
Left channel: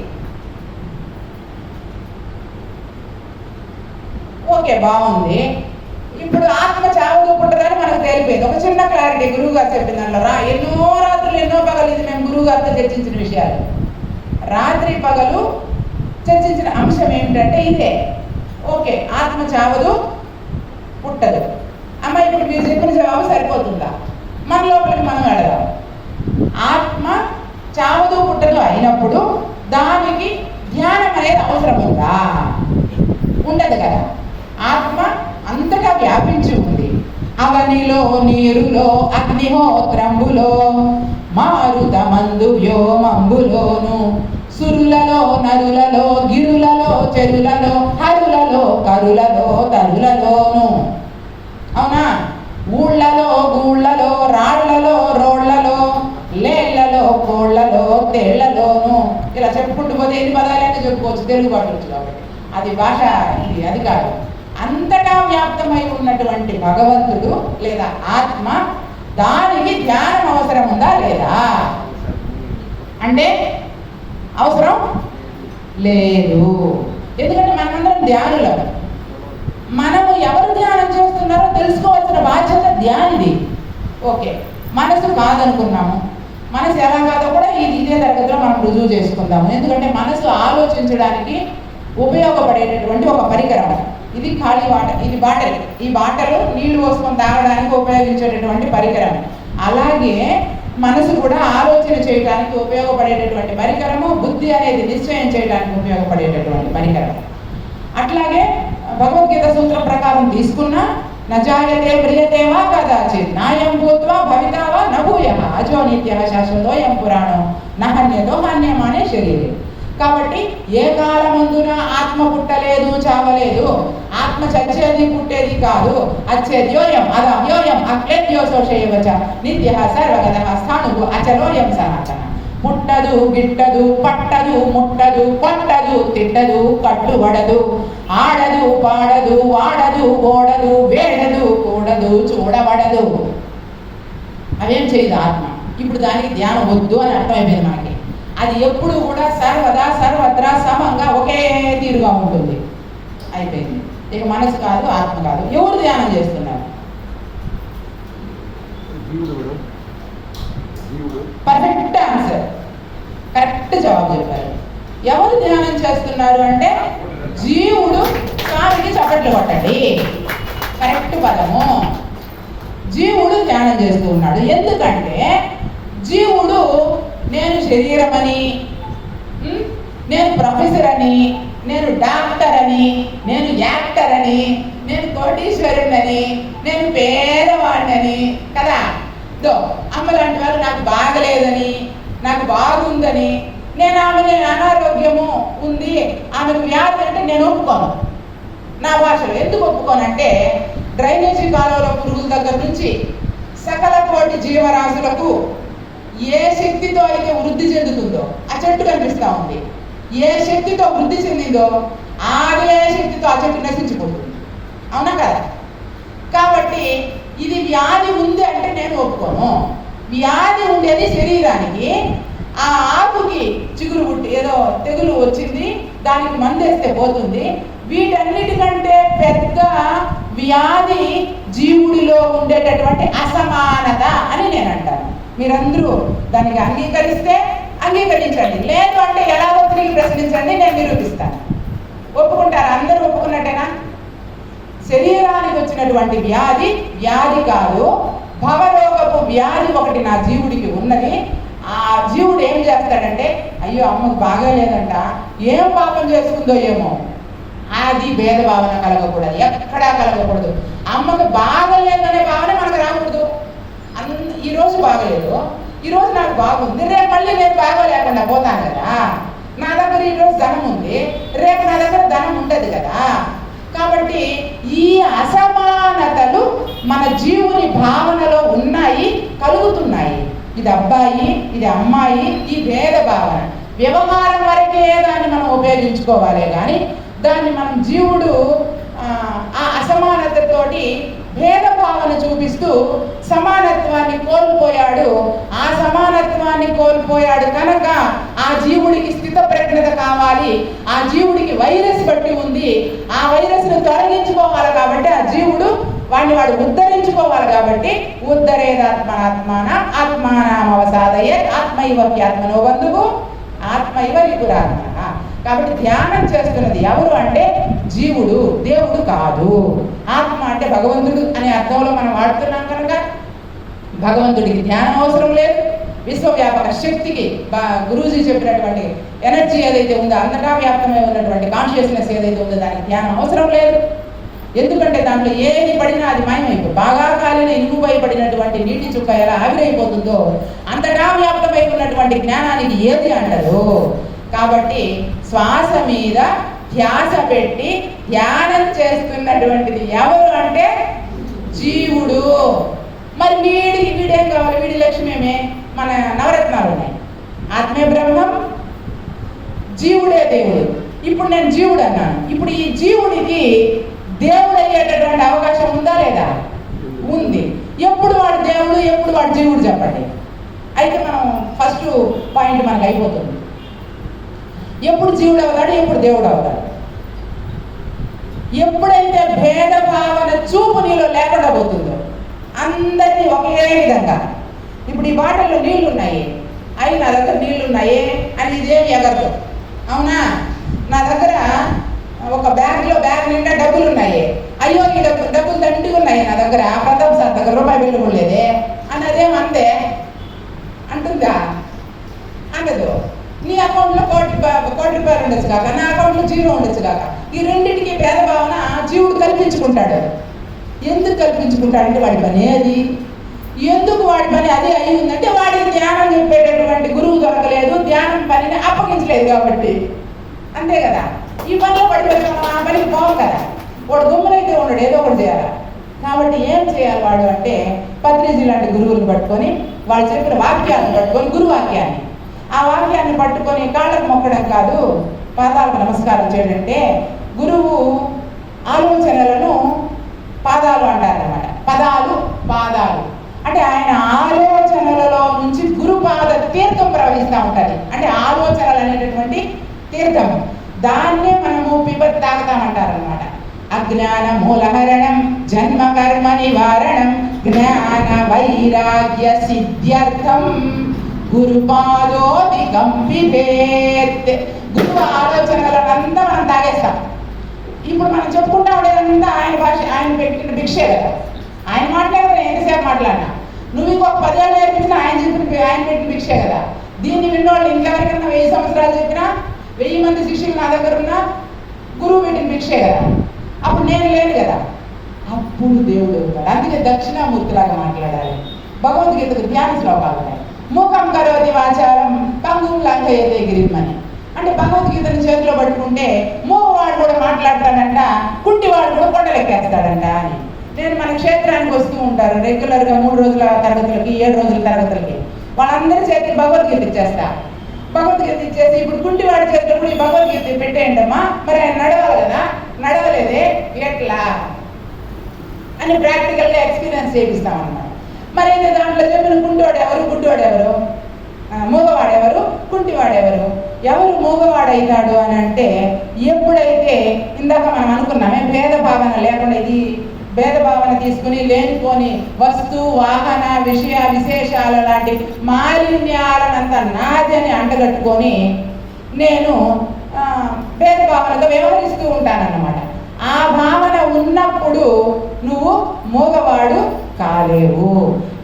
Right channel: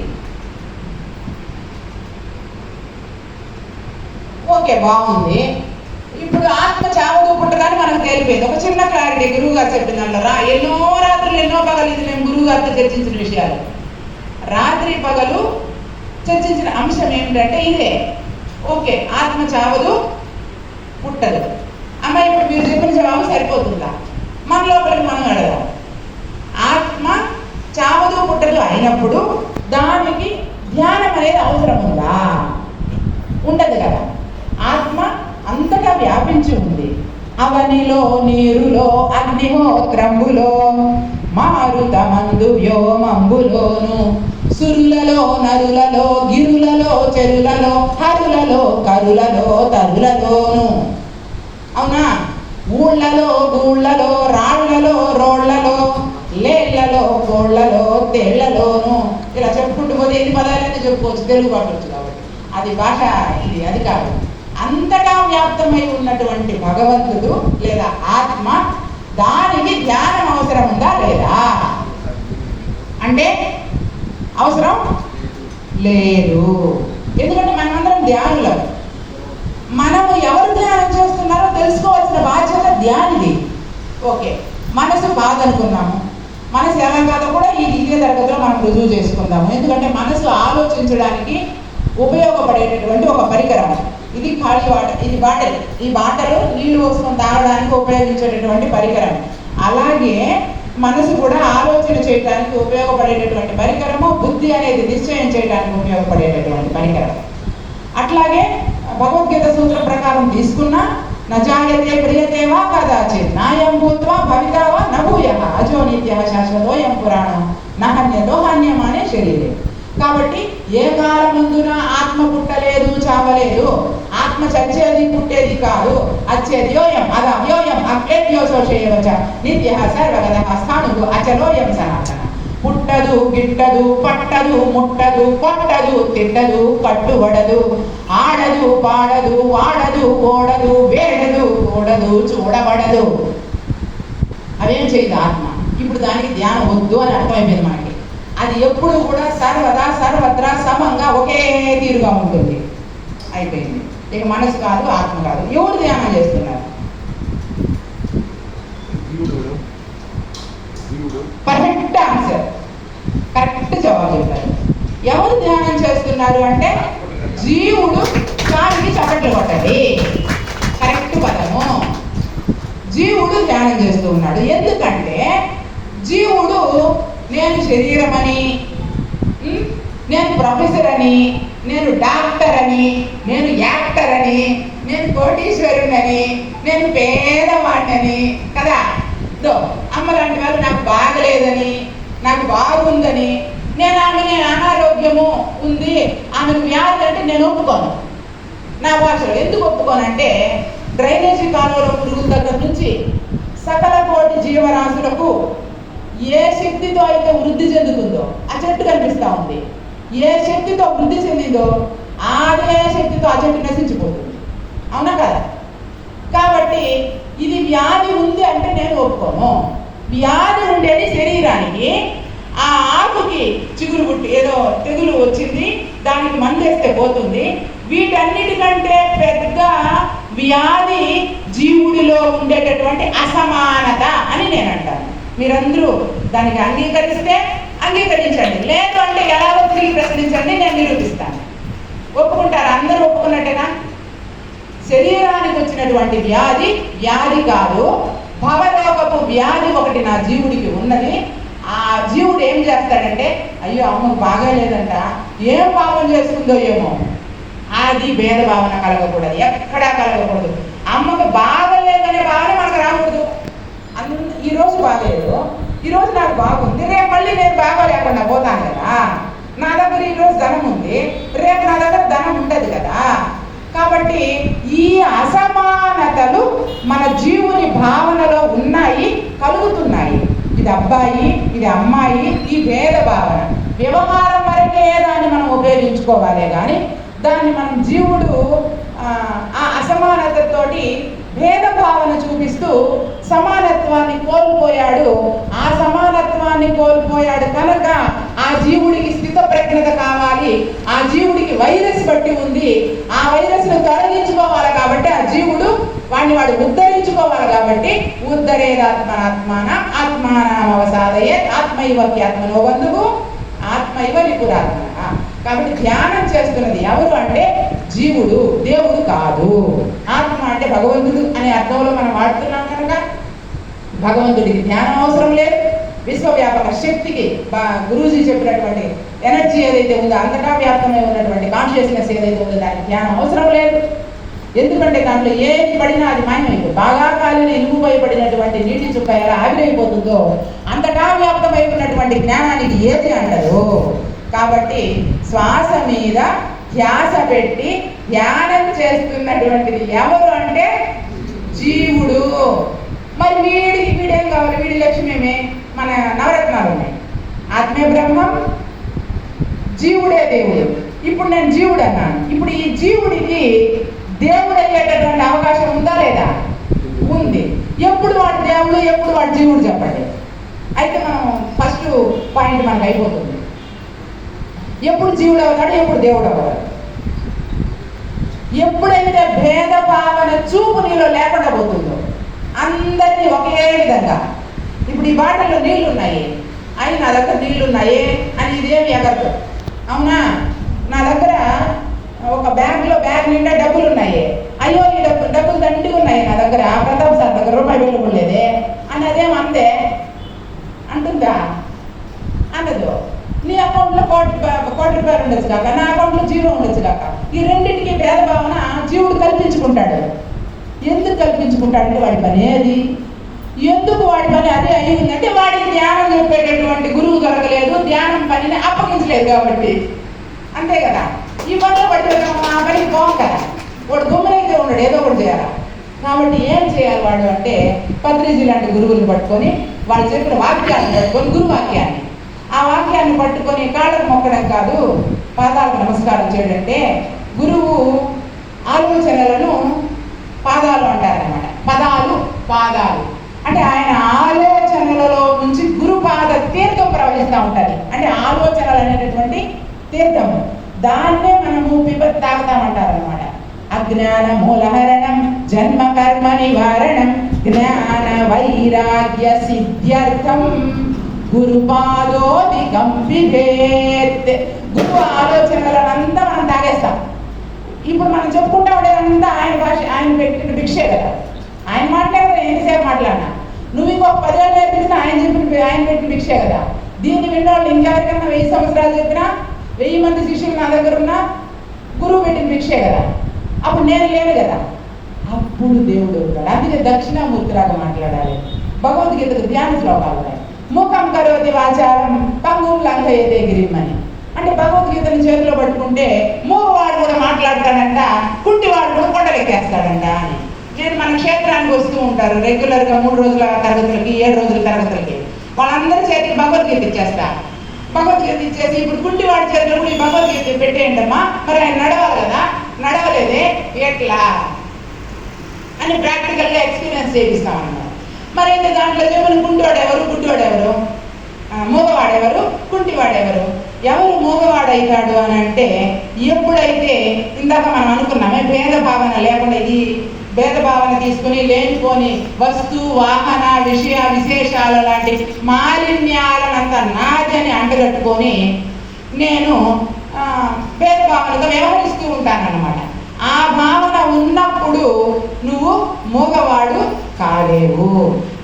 ఓకే, బాగుంది. ఇప్పుడు ఆత్మ చావదు, పుట్టదని మనకు తేలిపోయింది. ఒక చిన్న క్లారిటీ గురువు గారు చెప్పిన దానిలో ఎన్నో రాత్రులు ఎన్నో పగలు, ఇది మేము గురువు గారితో చర్చించిన విషయాలు. రాత్రి పగలు చర్చించిన అంశం ఏమిటంటే ఇదే. ఓకే, ఆత్మ చావదు, పుట్టదు. అమ్మ, ఇప్పుడు మీరు చెప్పిన జవాబు సరిపోతుందా? మన లోపలికి మనం అడగాం. ఆత్మ చావదు, పుట్టదు అయినప్పుడు దానికి ధ్యానం అనేది అవసరం ఉందా? ఉండదు కదా. ఆత్మ అంతటా వ్యాపించి ఉంది. అవనిలో, నీరులో, అగ్నిహోత్రంబులో, మారుతమందు వ్యోమంబులోను, సురులలో, నరులలో, గిరులలో, చెరులలో, హరులలో, కరులలో, తరులలోను. అవునా? ఊళ్ళలో, గూళ్ళలో, రాళ్లలో, రోళ్లలో, లేళ్లలో, కోళ్లలో, తేళ్లలోను. ఇలా చెప్పుకుంటూ పోతే ఎన్ని పదాలైనా చెప్పుకోవచ్చు, తెలుగు పట్టవచ్చు. కాబట్టి అది భాష, ఇది అది కాదు. అంతటా వ్యాప్తమై ఉన్నటువంటి భగవంతుడు లేదా ఆత్మ, దానికి ధ్యానం అవసరం ఉందా లేదా అంటే అవసరం లేదు. ఎందుకంటే మనమందరం ధ్యానులం. మనము ఎవరు ధ్యానం చేస్తున్నారో తెలుసుకోవాల్సిన బాధ్యత ధ్యానిది. ఓకే, మనసు కాదనుకున్నాము. మనసు ఎలా కాదో కూడా ఇదే తరగతిలో మనం రుజువు చేసుకుందాము. ఎందుకంటే మనసు ఆలోచించడానికి ఉపయోగపడేటటువంటి ఒక పరికరం. ఇది ఖాళీ వాటర్, ఇది బాటల్. ఈ బాటలు నీళ్లు పోసుకొని తాగడానికి ఉపయోగించేటటువంటి పరికరం. అలాగే మనసు కూడా ఆలోచన చేయడానికి ఉపయోగపడేటటువంటి పరికరము, బుద్ధి అనేది నిశ్చయం చేయడానికి ఉపయోగపడేటటువంటి పరికరం. అట్లాగే భగవద్గీత సూత్రం ప్రకారం తీసుకున్నా నజాయతే ప్రియతేవా కదాచిత్ నాయం భూత్వా భవితావా నభూయః అజో నిత్యః శాశ్వతోయం పురాణం నహన్యతో హన్యమానే శరీరం. కాబట్టి ఏ కాలమందున ఆత్మ పుట్టలేదు, చావలేదు. ఆత్మ చచ్చేది, పుట్టేది కాదు. అచ్చేద్యోయం అదవ్యోయం అక్లేద్యోశోషేయవచ నిత్యః సర్వగతః స్థాణుః అచలోయం సనాతన. పుట్టదు, గిట్టదు, పట్టదు, ముట్టదు, కొట్టదు, తిట్టదు, కట్టుబడదు, ఆడదు, పాడదు, వాడదు, ఓడదు, వేడదు, కూడదు, చూడబడదు. అదేం చేయదు ఆత్మ. ఇప్పుడు దానికి ధ్యానం వద్దు అని అర్థమైపోయింది మనకి. అది ఎప్పుడు కూడా సర్వదా సర్వత్రా సమంగా ఒకే తీరుగా ఉంటుంది. అయిపోయింది. ఇక మనసు కాదు, ఆత్మ కాదు. ఎవరు ధ్యానం చేస్తున్నారు? పర్ఫెక్ట్ ఆన్సర్, కరెక్ట్ జవాబు చెప్పారు. ఎవరు ధ్యానం చేస్తున్నారు అంటే జీవుడు. కానికి చప్పట్లు కొట్టండి. కరెక్ట్ పదము. జీవుడు ధ్యానం చేస్తూ ఉన్నాడు. ఎందుకంటే జీవుడు నేను శరీరమని, నేను ప్రొఫెసర్ అని, నేను డాక్టర్ అని, నేను యాక్టర్ అని, నేను కోటీశ్వరుడని, నేను పేదవాడిని కదా. అమ్మ లాంటి వాళ్ళు నాకు బాగలేదని, నాకు బాగుందని, నేను అనారోగ్యము ఉంది, ఆమెకు వ్యాధి అంటే నేను ఒప్పుకోను. నా భాషలో ఎందుకు ఒప్పుకోనంటే, డ్రైనేజీ కాలువలో పురుగుల దగ్గర నుంచి సకల కోటి జీవరాశులకు ఏ శక్తితో అయితే వృద్ధి చెందుతుందో, ఆ చెట్టు కనిపిస్తూ ఉంది, ఏ శక్తితో వృద్ధి చెందిందో అదే శక్తితో ఆ చెట్టు నశించిపోతుంది. అవునా కదా? కాబట్టి ఇది వ్యాధి ఉంది అంటే నేను ఒప్పుకోను. వ్యాధి ఉండేది శరీరానికి, ఆ ఆకుకి చిగురు పుట్టి ఏదో తెగులు వచ్చింది, దానికి మందేస్తే పోతుంది. వీటన్నిటికంటే పెద్ద వ్యాధి జీవుడిలో ఉండేటటువంటి అసమానత అని నేను అంటాను. మీరందరూ దానికి అంగీకరిస్తే అంగీకరించండి, లేదు అంటే ఎలాగో తిరిగి ప్రశ్నించండి, నేను నిరూపిస్తాను. ఒప్పుకుంటారు? అందరూ ఒప్పుకున్నట్టేనా? శరీరానికి వచ్చినటువంటి వ్యాధి వ్యాధి కాదు, భవలోకపు వ్యాధి ఒకటి నా జీవుడికి ఉన్నది. ఆ జీవుడు ఏం చేస్తాడంటే, అయ్యో అమ్మకు బాగాలేదంట, ఏం పాపం చేసుకుందో ఏమో, అది భేదభావన కలగకూడదు, ఎక్కడా కలగకూడదు. అమ్మకు బాగలేదనే భావన మనకు రాకూడదు. ఈరోజు బాగలేదు, ఈరోజు నాకు బాగుంది, రేపు మళ్ళీ నేను బాగోలేకుండా పోతాను కదా. నా దగ్గర ఈరోజు ధనం ఉంది, రేపు నా దగ్గర ధనం ఉండదు కదా. కాబట్టి ఈ అసమానతలు మన జీవుని భావనలో ఉన్నాయి, కలుగుతున్నాయి. ఇది అబ్బాయి, ఇది అమ్మాయి, ఈ భేద భావన వ్యవహారం వరకే దాన్ని మనం ఉపయోగించుకోవాలి. కానీ దాన్ని మనం జీవుడు ఆ అసమానతతోటి భేదభావన చూపిస్తూ సమానత్వాన్ని కోల్పోయాడు. ఆ సమానత్వాన్ని కోల్పోయాడు కనుక ఆ జీవుడికి స్థిత ప్రజ్ఞత కావాలి. ఆ జీవుడికి వైరస్ బట్టి ఉంది, ఆ వైరస్ను తొలగించుకోవాలి. కాబట్టి ఆ జీవుడు వాడు ఉద్ధరించుకోవాలి. కాబట్టి ఉద్ధరేదాత్మనాత్మాన ఆత్మానామవసాదయే ఆత్మైవక్యాత్మనో బంధువు ఆత్మైవ నిపురాత్మ. కాబట్టి ధ్యానం చేస్తున్నది ఎవరు అంటే జీవుడు, దేవుడు కాదు. ఆత్మ అంటే భగవంతుడు అనే అర్థంలో మనం వాడుతున్నాం కనుక భగవంతుడికి ధ్యానం అవసరం లేదు. విశ్వవ్యాపక శక్తికి గురూజీ చెప్పినటువంటి ఎనర్జీ ఏదైతే ఉందో, అంతటా వ్యాప్తమై ఉన్నటువంటి కాన్షియస్నెస్ ఏదైతే ఉందో దానికి ధ్యానం అవసరం లేదు. ఎందుకంటే దాంట్లో ఏది పడినా అది మాయమైపోతుంది. బాగా కాలిన ఇనుముపై పడినటువంటి నీటి చుక్క ఎలా ఆవిరైపోతుందో అంతటా వ్యాప్తమై ఉన్నటువంటి జ్ఞానానికి ఏది అంటారు. కాబట్టి శ్వాస మీద ధ్యాస పెట్టి ధ్యానం చేస్తున్నటువంటిది ఎవరు అంటే జీవుడు. మరి వీడేం కావాలి? వీడి లక్ష్యమేమే? మన నవరత్నాలు ఉన్నాయి. ఆత్మే బ్రహ్మం, జీవుడే దేవుడు. ఇప్పుడు నేను జీవుడు అన్నాను. ఇప్పుడు ఈ జీవుడికి దేవుడు అయ్యేటటువంటి అవకాశం ఉందా లేదా? ఉంది. ఎప్పుడు వాడు దేవుడు, ఎప్పుడు వాడు జీవుడు చెప్పండి. అయితే మనం ఫస్ట్ పాయింట్ మనకు అయిపోతుంది. ఎప్పుడు జీవుడు అవుతాడు, ఎప్పుడు దేవుడు అవుతాడు? ఎప్పుడైతే భేద భావన చూపు నీలో లేకుండా పోతుందో, అందరినీ ఒకే విధంగా. ఇప్పుడు ఈ బాటిల్లో నీళ్లు ఉన్నాయి, అవి నా దగ్గర నీళ్లు ఉన్నాయి అని ఇదేమి ఎగరదు. అవునా? నా దగ్గర ఒక బ్యాగ్ నిండా డబ్బులు ఉన్నాయి, అయ్యో ఈ డబ్బులు దండిగా ఉన్నాయి నా దగ్గర, ప్రతాప్ సార్ దగ్గర రూపాయి బిల్లు లేదే అని అదేం అందే అంటుందా? అనదు. నీ అకౌంట్లో కోటి రూపాయలు ఉండొచ్చు కాక, నా అకౌంట్లో జీరో ఉండొచ్చు కాక. ఈ రెండింటికి భేదభావన జీవుడు కల్పించుకుంటాడు. ఎందుకు కల్పించుకుంటాడంటే వాడి పని ఏది? ఎందుకు వాడి పని అదే అయ్యిందంటే వాడికి ధ్యానం చెప్పేటటువంటి గురువు దొరకలేదు, ధ్యానం పనిని అప్పగించలేదు కాబట్టి. అంతే కదా? ఈ పనిలో పడి ఆ పనికి పోవు కదా. వాడు గుమ్మరైతే ఉండడు, ఏదో ఒకటి చేయాలి. కాబట్టి ఏం చేయాలి వాడు అంటే పత్రిజీ లాంటి గురువులను పట్టుకొని వాళ్ళు చెప్పిన వాక్యాలను పట్టుకొని, గురువాక్యాన్ని, ఆ వాక్యాన్ని పట్టుకొని కాళ్ళకు మొక్కడం కాదు, పాదాలకు నమస్కారం చేయడంటే గురువు ఆలోచనలను పాదాలు అంటారనమాట. పదాలు పాదాలు అంటే ఆయన ఆలోచనలలో నుంచి గురుపాద తీర్థం ప్రవహిస్తూ ఉంటుంది. అంటే ఆలోచనలు అనేటటువంటి తీర్థము, దాన్నే మనము పిబత్ తాగుతామంటారనమాట. అజ్ఞాన మూలహరణం జన్మ కర్మ నివారణం జ్ఞాన వైరాగ్య సిద్ధ్యర్థం గురుపాదోదికం పిబేత్. గురువు ఆలోచనలనంతా మనం తాగేస్తాం. ఇప్పుడు మనం చెప్పుకుంటా ఉండేదంతా ఆయన భాష, ఆయన పెట్టిన భిక్షే కదా. ఆయన మాట్లాడితే ఎంతసేపు మాట్లాడినా, నువ్వు ఇంకొక 10 ఏళ్ళు నేర్పించినా ఆయన పెట్టిన భిక్షే కదా. దీన్ని విన్నోళ్ళు ఇంకెవరికైనా 1000 సంవత్సరాలు చెప్పినా, 1000 మంది శిష్యులు నా దగ్గర ఉన్నా గురువు పెట్టిన భిక్షే కదా. అప్పుడు నేను లేను కదా, అప్పుడు దేవుడు ఉంటాడు. అందుకే దక్షిణామూర్తిలాగా మాట్లాడాలి. భగవద్గీతకు ధ్యాన శ్లోకాలు ఉన్నాయి. మూకం కరోతి వాచారం పంగుం లంఘయతే గిరిమని. అంటే భగవద్గీతను చేతిలో పట్టుకుంటే మూగవాడు కూడా మాట్లాడతాడంట, కుంటివాడు కూడా కొండలెక్కేస్తాడంట అని. నేను మన క్షేత్రానికి వస్తూ ఉంటారు రెగ్యులర్గా 3 రోజుల తరగతులకి, 7 రోజుల తరగతులకి. వాళ్ళందరి చేతికి భగవద్గీత ఇచ్చేస్తా. భగవద్గీత ఇచ్చేసి ఇప్పుడు కుంటివాడి చేతిలో కూడా ఈ భగవద్గీత పెట్టేయండమ్మా, మరి ఆయన నడవాలి కదా, నడవలేదే ఎట్లా అని ప్రాక్టికల్గా ఎక్స్పీరియన్స్ చేపిస్తామన్నమాట. మరి అయితే దాంట్లో చెప్పిన గుడ్డివాడెవరు, మూగవాడెవరు, కుంటివాడెవరు? ఎవరు మూగవాడవుతాడు అని అంటే, ఎప్పుడైతే ఇందాక మనం అనుకున్నామే భేదభావన లేకుండా, ఈ భేదభావన తీసుకుని లేనిపోని వస్తు వాహన విషయ విశేషాల లాంటి మాలిన్యాలనంతా నాదని అంటగట్టుకొని నేను భేదభావనతో వ్యవహరిస్తూ ఉంటానన్నమాట. ఆ భావన ఉన్నప్పుడు నువ్వు మూగవాడు కాలేవు.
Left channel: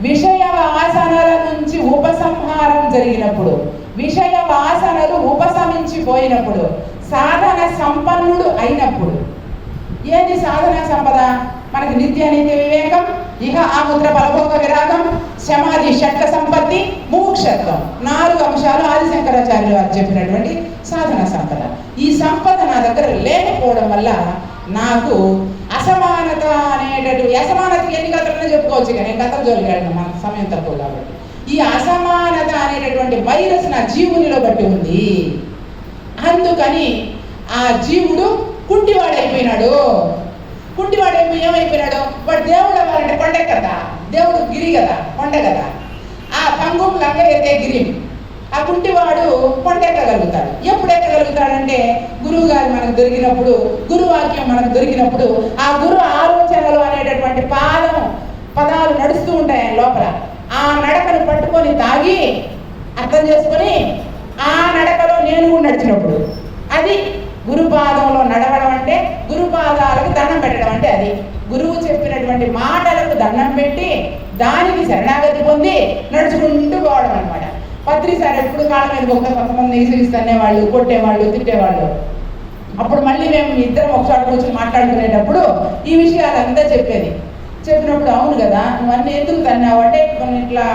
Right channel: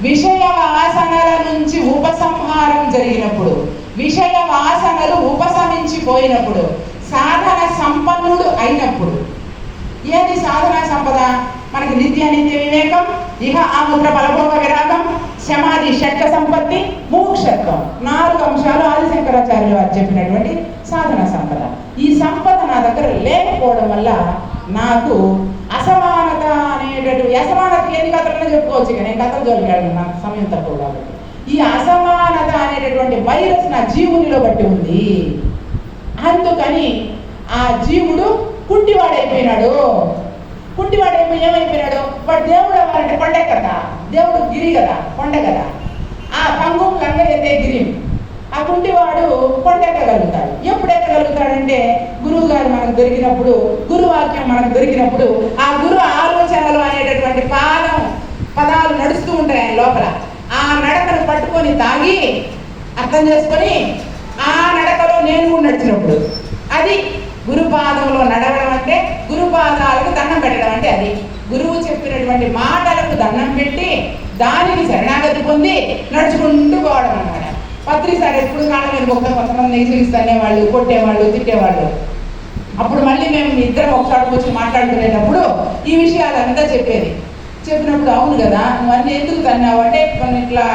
విషయ వాసనల నుంచి ఉపసంహారం జరిగినప్పుడు, విషయ వాసనలు ఉపశమించిపోయినప్పుడు, సాధన సంపన్నుడు అయినప్పుడు. ఏది సాధన సంపద? మనకి నిత్య వివేకం, ఇహ ఆముద్ర ఫలభోగ విరాగం, సమాధి షట్క సంపత్తి, ముముక్షత్వం. 4 అంశాలు ఆదిశంకరాచార్యులు వారు చెప్పినటువంటి సాధన సంపద. ఈ సంపద నా దగ్గర లేకపోవడం వల్ల నాకు అసమానత అనేటటువంటి, అసమానత ఎన్ని కథలన్నా చెప్పుకోవచ్చు, కానీ నేను కథలు జోలికి మన సమయం తక్కువ కాబట్టి. ఈ అసమానత అనేటటువంటి వైరస్ నా జీవునిలో బట్టి ఉంది. అందుకని ఆ జీవుడు కుంటివాడైపోయినాడు. కుంటివాడైపోయి ఏమైపోయినాడు? వాడు దేవుడు అవ్వాలంటే కొండ కదా, దేవుడు గిరి కదా, కొండ కదా. ఆ పంగుం లంఘయతే గిరి, ఆ కుంటివాడు కొండ ఎక్కగలుగుతాడు. ఎప్పుడు ఎక్కగలుగుతాడంటే గురువు గారు మనకు దొరికినప్పుడు, గురువాక్యం మనకు దొరికినప్పుడు, ఆ గురు ఆలోచనలు అనేటటువంటి పదాలు నడుస్తూ ఉంటాయి ఆయన లోపల. ఆ నడకను పట్టుకొని తాగి అర్థం చేసుకొని ఆ నడకలో నేను కూడా నడిచినప్పుడు, అది గురుపాదంలో నడవడం అంటే, గురుపాదాలకు దండం పెట్టడం అంటే అది. గురువు చెప్పినటువంటి మాటలకు దండం పెట్టి దానికి శరణాగతి పొంది నడుచుకుంటూ పోవడం అనమాట. పత్రిసారి ఎప్పుడు కాళ్ళ మీద కొంతమంది నిగిరిస్తనేవాళ్ళు, కొట్టేవాళ్ళు, తిట్టేవాళ్ళు. అప్పుడు మళ్ళీ మేము ఇద్దరం ఒకసారి కూర్చొని మాట్లాడుకునేటప్పుడు ఈ విషయాలంతా చెప్పినప్పుడు, అవును కదా నువ్వు అన్నీ ఎందుకు తన్నావు అంటే, ఇట్లా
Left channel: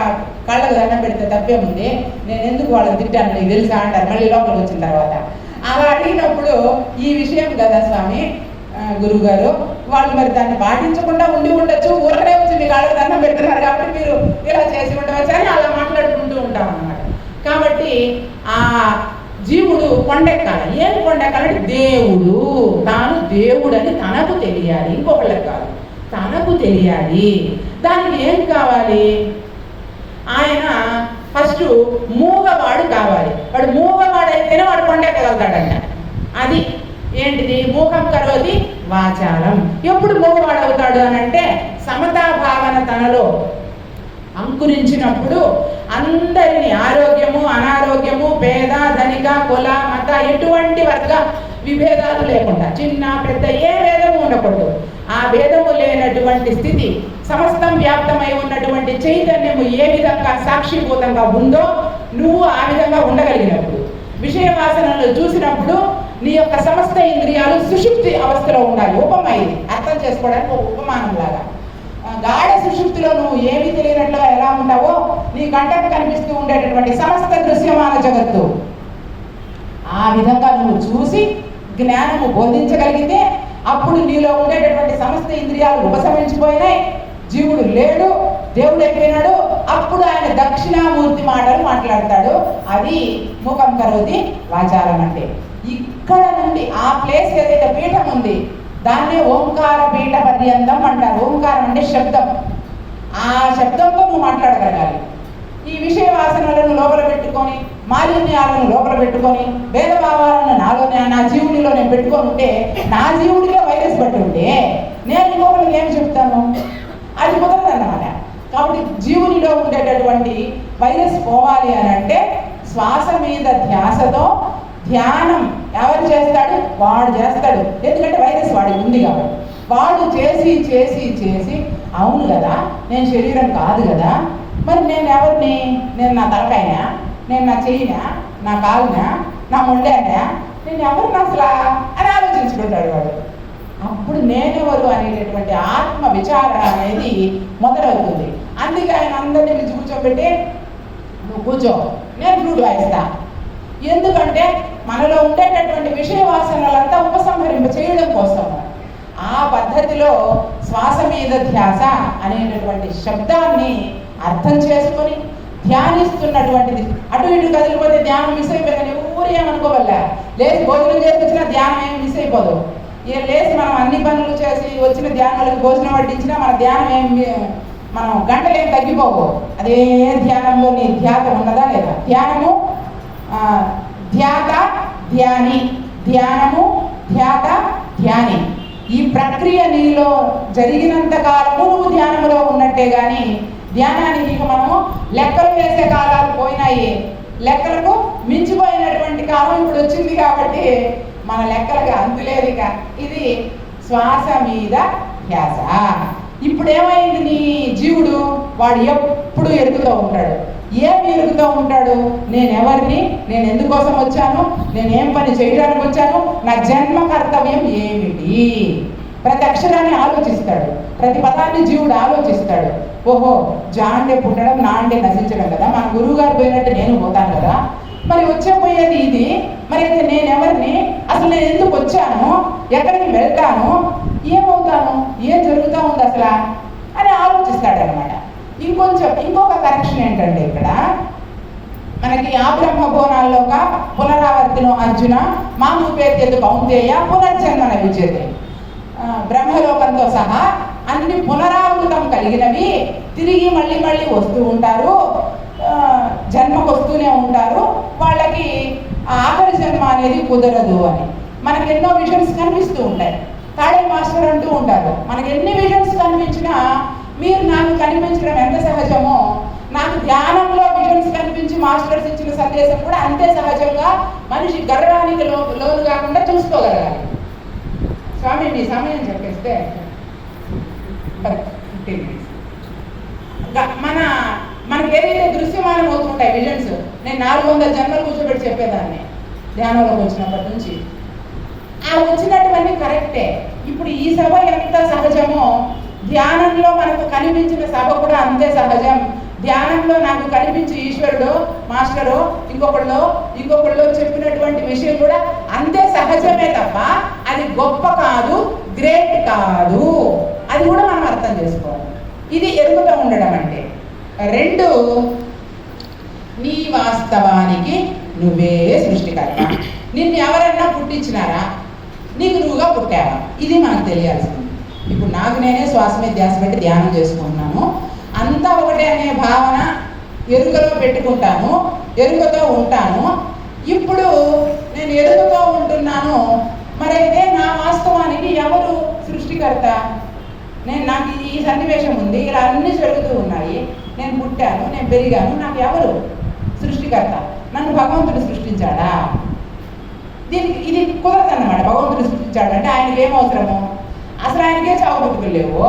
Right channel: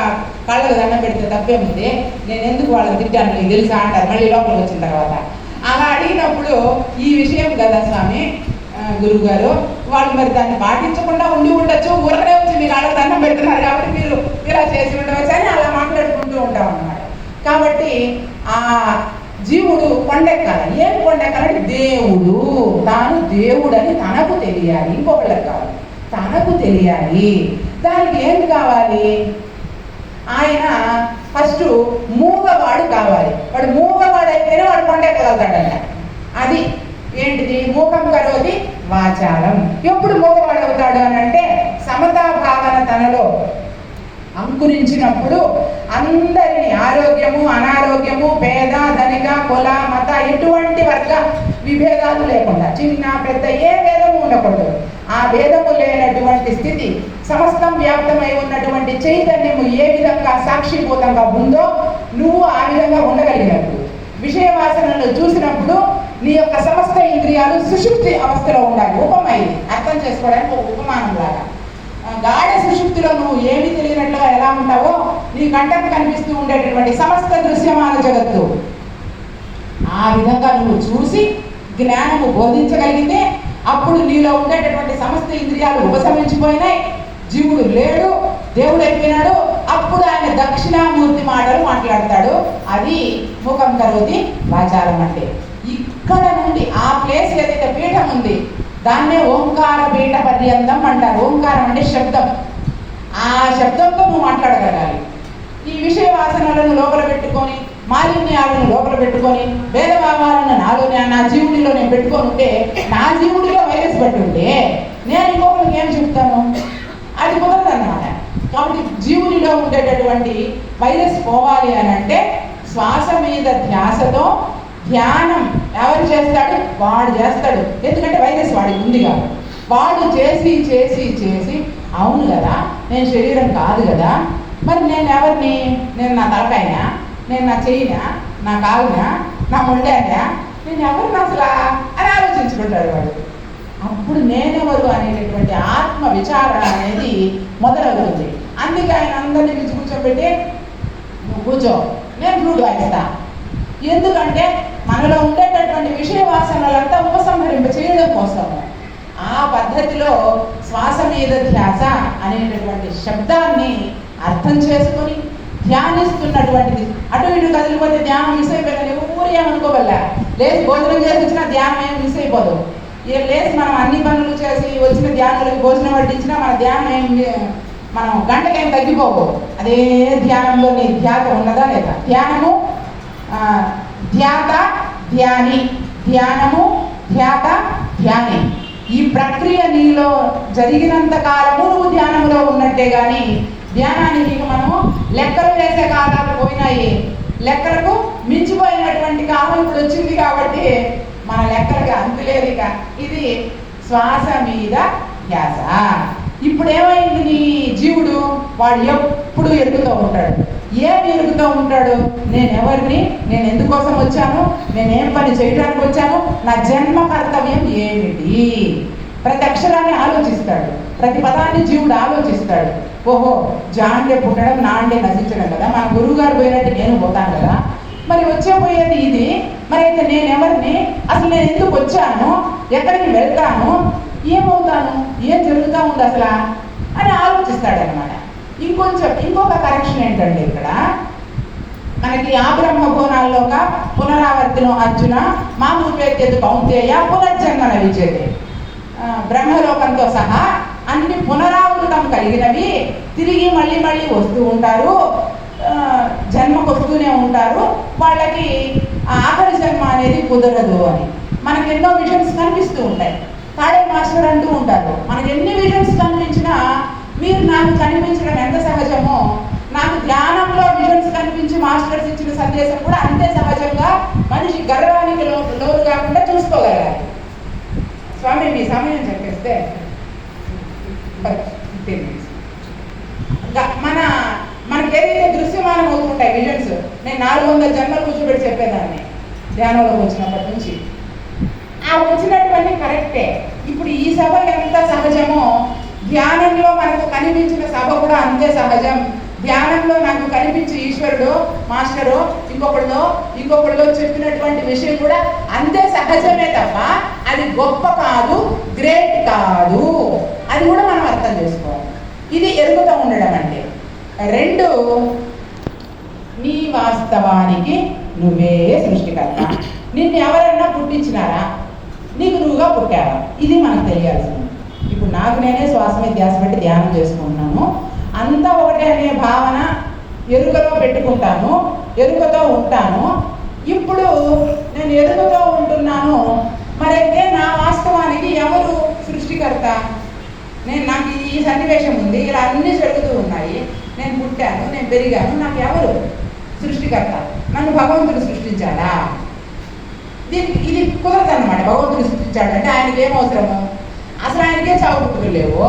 కాళ్ళకు దండం పెడితే తప్పేముంది, నేను ఎందుకు వాళ్ళని తిట్టాను నీకు తెలుసా అంటారు మళ్ళీ లోపలికి వచ్చిన తర్వాత. అలా అడిగినప్పుడు ఈ విషయం కదా స్వామి గురువు గారు, వాళ్ళు మరి దాన్ని పాటించకుండా ఉండొచ్చు, ఊరకనే వచ్చి మీ కాళ్ళకు దండం పెడుతున్నారు కాబట్టి మీరు ఇలా చేసి ఉండవచ్చు అని అలా మాట్లాడుకుంటూ ఉంటాం అన్నమాట. కాబట్టి ఆ జీవుడు కొండెక్కాలి. ఏం కొండెక్కాలంటే దేవుడు, తాను దేవుడు అని తనకు తెలియాలి, ఇంకొకళ్ళకి కాదు, తనకు తెలియాలి. దానికి ఏం కావాలి? ఆయన ఫస్ట్ మూగవాడు కావాలి. వాడు మూగవాడైతేనే వాడు కొండెక్కగలుగుతాడంట. అది ఏంటిది? మూకం కరోతి వాచారం. ఎప్పుడు మూగవాడు అవుతాడు అని అంటే, సమతా భావన తనలో అంకురించినప్పుడు అందరినీ ఆరోగ్యము అనారోగ్యము, పేద ధనిక కుల మత ఎటువంటి వర్గ విభేదాలు లేకుండా, చిన్న పెద్ద ఏ భేదము ఉండకూడదు. ఆ భేదము లేనటువంటి స్థితి, సమస్తం వ్యాప్తమై ఉన్నటువంటి చైతన్యము ఏ విధంగా సాక్షిభూతంగా ఉందో నువ్వు ఆ విధంగా ఉండగలిగినప్పుడు, విషయ వాసనలు చూసినప్పుడు నీ యొక్క సమస్త ఇంద్రియాలు సుషుప్తి అవస్థలో ఉండాలి. ఉపమైది అర్థం చేసుకోవడానికి ఒక ఉపమానం లాగా. గాఢ సుషుప్తిలో నువ్వు ఏమీ తెలియనట్లుగా ఎలా ఉంటావో, నీ కంటకు కనిపిస్తూ ఉండేటటువంటి సమస్త దృశ్యమాన జగత్తు ఆ విధంగా నువ్వు చూసి జ్ఞానము బోధించగలిగితే అప్పుడు నీలో ఉండేటటువంటి సమస్త ఇంద్రియాలు ఉపశమించిపోయినాయి, జీవుడు లేడు, దేవుడు అయిపోయినాడు. అప్పుడు ఆయన దక్షిణామూర్తి మాటలు మాట్లాడతాడు. అది మూకం కరోతి వాచారం అంటే. ఇక్కడ నుండి ఆ ప్లేస్ ఏదైతే పీఠం ఉంది దాన్నే ఓంకార పీఠ పర్యంతం అంటారు. ఓంకారం అంటే శబ్దం. ఆ శబ్దంతో నువ్వు మాట్లాడగలగాలి. ఈ విషయ వాసనలను లోపల పెట్టుకొని, మాలిన్యాలను లోపల పెట్టుకొని, భేదభావాలను నా జీవుడిలో నేను పెట్టుకొని ఉంటే, నా జీవుడిలో వైరస్ పట్టి ఉంటే నేను ఇంకొకరికి ఏం చెప్తాను? అది కుదరదు అన్నమాట. కాబట్టి జీవునిలో ఉండేటటువంటి వైరస్ పోవాలి అని అంటే శ్వాస మీద ధ్యాసతో ధ్యానం ఎవరు చేస్తాడు? వాడు చేస్తాడు. ఎందుకంటే వైరస్ వాడికి ఉంది కాబట్టి వాడు చేసి చేసి చేసి అవును కదా, నేను శరీరం కాదు కదా, మరి నేను ఎవరిని? నేను నా తలకాయనా, నేను నా చెయ్యినా, నా కాలునా, నా మొండానా, నేను ఎవరిని అసలు అని ఆలోచించుకుంటాడు వాడు. అప్పుడు నేనెవరు అనేటటువంటి ఆత్మ విచారణ అనేది మొదలవుతుంది. అందుకే ఆయన అందరినీ పిలిచి కూర్చోబెట్టి, నువ్వు కూర్చో, నేను ఫ్లూట్ వాయిస్తా. ఎందుకంటే మనలో ఉండేటటువంటి విషయ వాసనలంతా ఉపసంహరింప చేయడం కోసం ఆ పద్ధతిలో శ్వాస మీద ధ్యాస అనేటటువంటి శబ్దాన్ని అర్థం చేసుకొని ధ్యానిస్తున్నటువంటిది. అటు ఇటు కదిలిపోతే ధ్యానం మిస్ అయిపోయిందని ఊరు ఏమనుకోవల్ల. లేచి భోజనం చేసి వచ్చిన ధ్యానం ఏం మిస్ అయిపోదు. లేచి మనం అన్ని పనులు చేసి వచ్చిన ధ్యానులకు భోజనం వడ్డించినా మన ధ్యానం మనం గంటలు ఏం తగ్గిపోవు. అదే ధ్యానంలో నీ ధ్యాత ఉన్నదా లేదా? ధ్యానము ధ్యాత ధ్యాని, ధ్యానము ధ్యాత ధ్యాని. ఈ ప్రక్రియ నీలో జరిగినంత కాలము నువ్వు ధ్యానంలో ఉన్నట్టే. కానీ ధ్యానానికి మనము లెక్కలు వేసే కాలాలు పోయినాయి. లెక్కలకు మించిపోయినటువంటి కాలం ఇప్పుడు వచ్చింది కాబట్టి మన లెక్కలకు అంతులేదు. ఇక ఇది శ్వాస మీద ధ్యాస. ఇప్పుడు ఏమైంది? నీ జీవుడు వాడు ఎప్పుడు ఎరుగుతూ ఉంటాడు. ఏమి ఎరుగుతూ ఉంటాడు? నేను ఎవరిని, నేను ఎందుకోసం వచ్చాను, నేనేం పని చేయడానికి వచ్చాను, నా జన్మ కర్తవ్యం ఏమిటి? ప్రతి అక్షరాన్ని ఆలోచిస్తాడు, ప్రతి పదాన్ని జీవుడు ఆలోచిస్తాడు. ఓహో, జాండే పుట్టడం నాండే నశించడం కదా, మన గురువు గారు పోయినట్టు నేను పోతాను కదా, మరి వచ్చేపోయేది ఇది. మరి అయితే నేను ఎవరిని, అసలు నేను ఎందుకు వచ్చాను, ఎక్కడికి వెళ్తాను, ఏమవుతాను, ఏం జరుగుతూ ఉంది అసలు అని ఆలోచిస్తాడనమాట. ఇంకొక కరెక్షన్ ఏంటంటే ఇక్కడ మనకి ఆ బ్రహ్మభువనాల్లో పునరావర్తనం అర్జున మామూపేత్యతు కౌంతేయ పునర్జన్మన విద్యతే. బ్రహ్మలోకంతో సహా అన్ని పునరావృతం కలిగినవి, తిరిగి మళ్ళీ మళ్ళీ వస్తూ ఉంటారు, జన్మకు వస్తూనే ఉంటారు. వాళ్ళకి ఆఖరి జన్మ అనేది కుదరదు అని మనకు ఎన్నో విజన్స్ కనిపిస్తూ ఉంటాయి. కాళీ మాస్టర్ అంటూ ఉంటారు, మనకు ఎన్ని విజన్స్ కనిపించినా మీరు నాకు కనిపించడం ఎంత సహజమో, నాకు ధ్యానంలో విజన్స్ కనిపించి మాస్టర్స్ ఇచ్చిన సందేశం కూడా అంతే సహజంగా మనిషి గర్వానికి లోను కాకుండా చూసుకోగలగాలి. స్వామి మీ సమయం చెప్పేస్తే 15 minutes. మనకి ఏదైతే దృశ్యమానం అవుతుంటాయి విజన్స్, నేను 400 జన్మలు కూర్చోబెట్టి చెప్పేదాన్ని ధ్యానంలోకి వచ్చినప్పటి నుంచి. ఆ వచ్చినటువంటి కరెక్టే. ఇప్పుడు ఈ సభ ఎంత సహజమో ధ్యానంలో మనకు కనిపించిన సభ కూడా అంతే సహజం. ధ్యానంలో నాకు కనిపించే ఈశ్వరుడు మాస్టరు ఇంకొకళ్ళు చెప్పినటువంటి విషయం కూడా అంతే సహజమే తప్ప అది గొప్ప కాదు, గ్రేట్ కాదు. అది కూడా మనం అర్థం చేసుకోవాలి. ఇది ఎరుగుతూ ఉండడం అంటే. 2, నీ వాస్తవానికి నువ్వే సృష్టికర్త. నిన్ను ఎవరైనా పుట్టించినారా, నీకు నువ్వుగా పుట్టావా, ఇది మనకు తెలియాల్సింది. ఇప్పుడు నాకు నేనే శ్వాస మీద ధ్యాస పెట్టి ధ్యానం చేసుకుంటున్నాను. అంతా ఒకటే అనే భావన ఎరుకలో పెట్టుకుంటాను, ఎరుకతో ఉంటాను. ఇప్పుడు నేను ఎరుకతో ఉంటున్నాను, మరైతే నా వాస్తవానికి ఎవరు సృష్టికర్త? నాకు ఈ సన్నివేశం ఉంది, ఇలా అన్నీ జరుగుతూ ఉన్నాయి, నేను పుట్టాను, నేను పెరిగాను, నాకు ఎవరు సృష్టికర్త? నన్ను భగవంతుడు సృష్టించాడా? దీనికి ఇది కుదరదన్నమాట. భగవంతుడు సృష్టించాడంటే ఆయనకి ఏం అవసరము? అసలు ఆయనకే చావు పుట్టుకలు లేవు,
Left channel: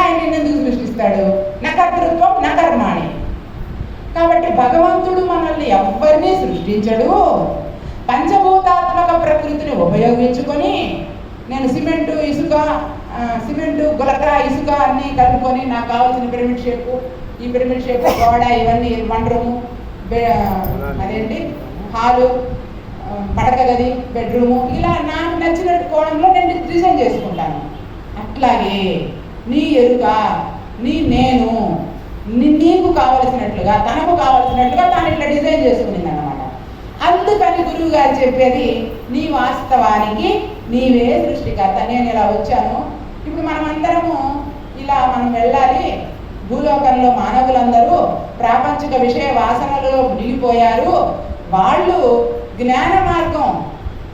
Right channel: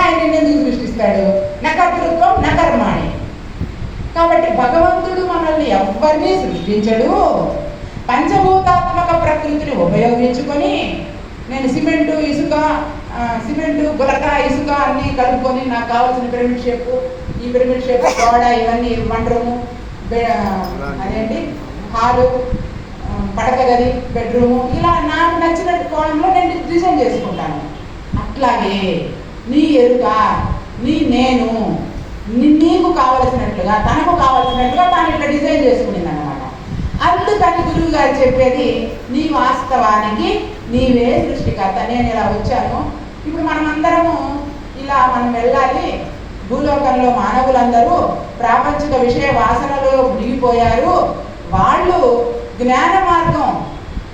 ఆయన ఎందుకు సృష్టిస్తాడు? నకర్తృత్వం నకర్మాణి. కాబట్టి భగవంతుడు మనల్ని ఎవ్వరినీ సృష్టించడు. పంచభూతాత్మక ప్రకృతిని ఉపయోగించుకొని నేను సిమెంటు గులక ఇసుక అన్నీ కలుపుకొని నాకు కావాల్సిన పిరమిడ్ షేపు, ఈ పిరమిడ్ షేప్ గోడ, ఇవన్నీ వన్ రూము, అదేంటి హాలు, పడక గది, బెడ్రూము, ఇలా నాకు నచ్చినట్టు కోణంలో నేను డిజైన్ చేసుకుంటాను. అట్లాగే నీ ఎరుక, నేను నీకు కావలసినట్లుగా, తనకు కావలసినట్లుగా తాను ఇట్లా డిజైన్ చేసుకునింది అన్నమాట. అందుకని గురువు గారు చెప్పేది, నీ వాస్తవానికి నీవే సృష్టికర్త. నేను ఇలా వచ్చాను, ఇప్పుడు మనమందరము ఇలా మనం వెళ్ళాలి. భూలోకంలో మానవులందరూ ప్రాపంచిక విషయ వాసనలో మునిగిపోయారు. వాళ్ళు జ్ఞాన మార్గం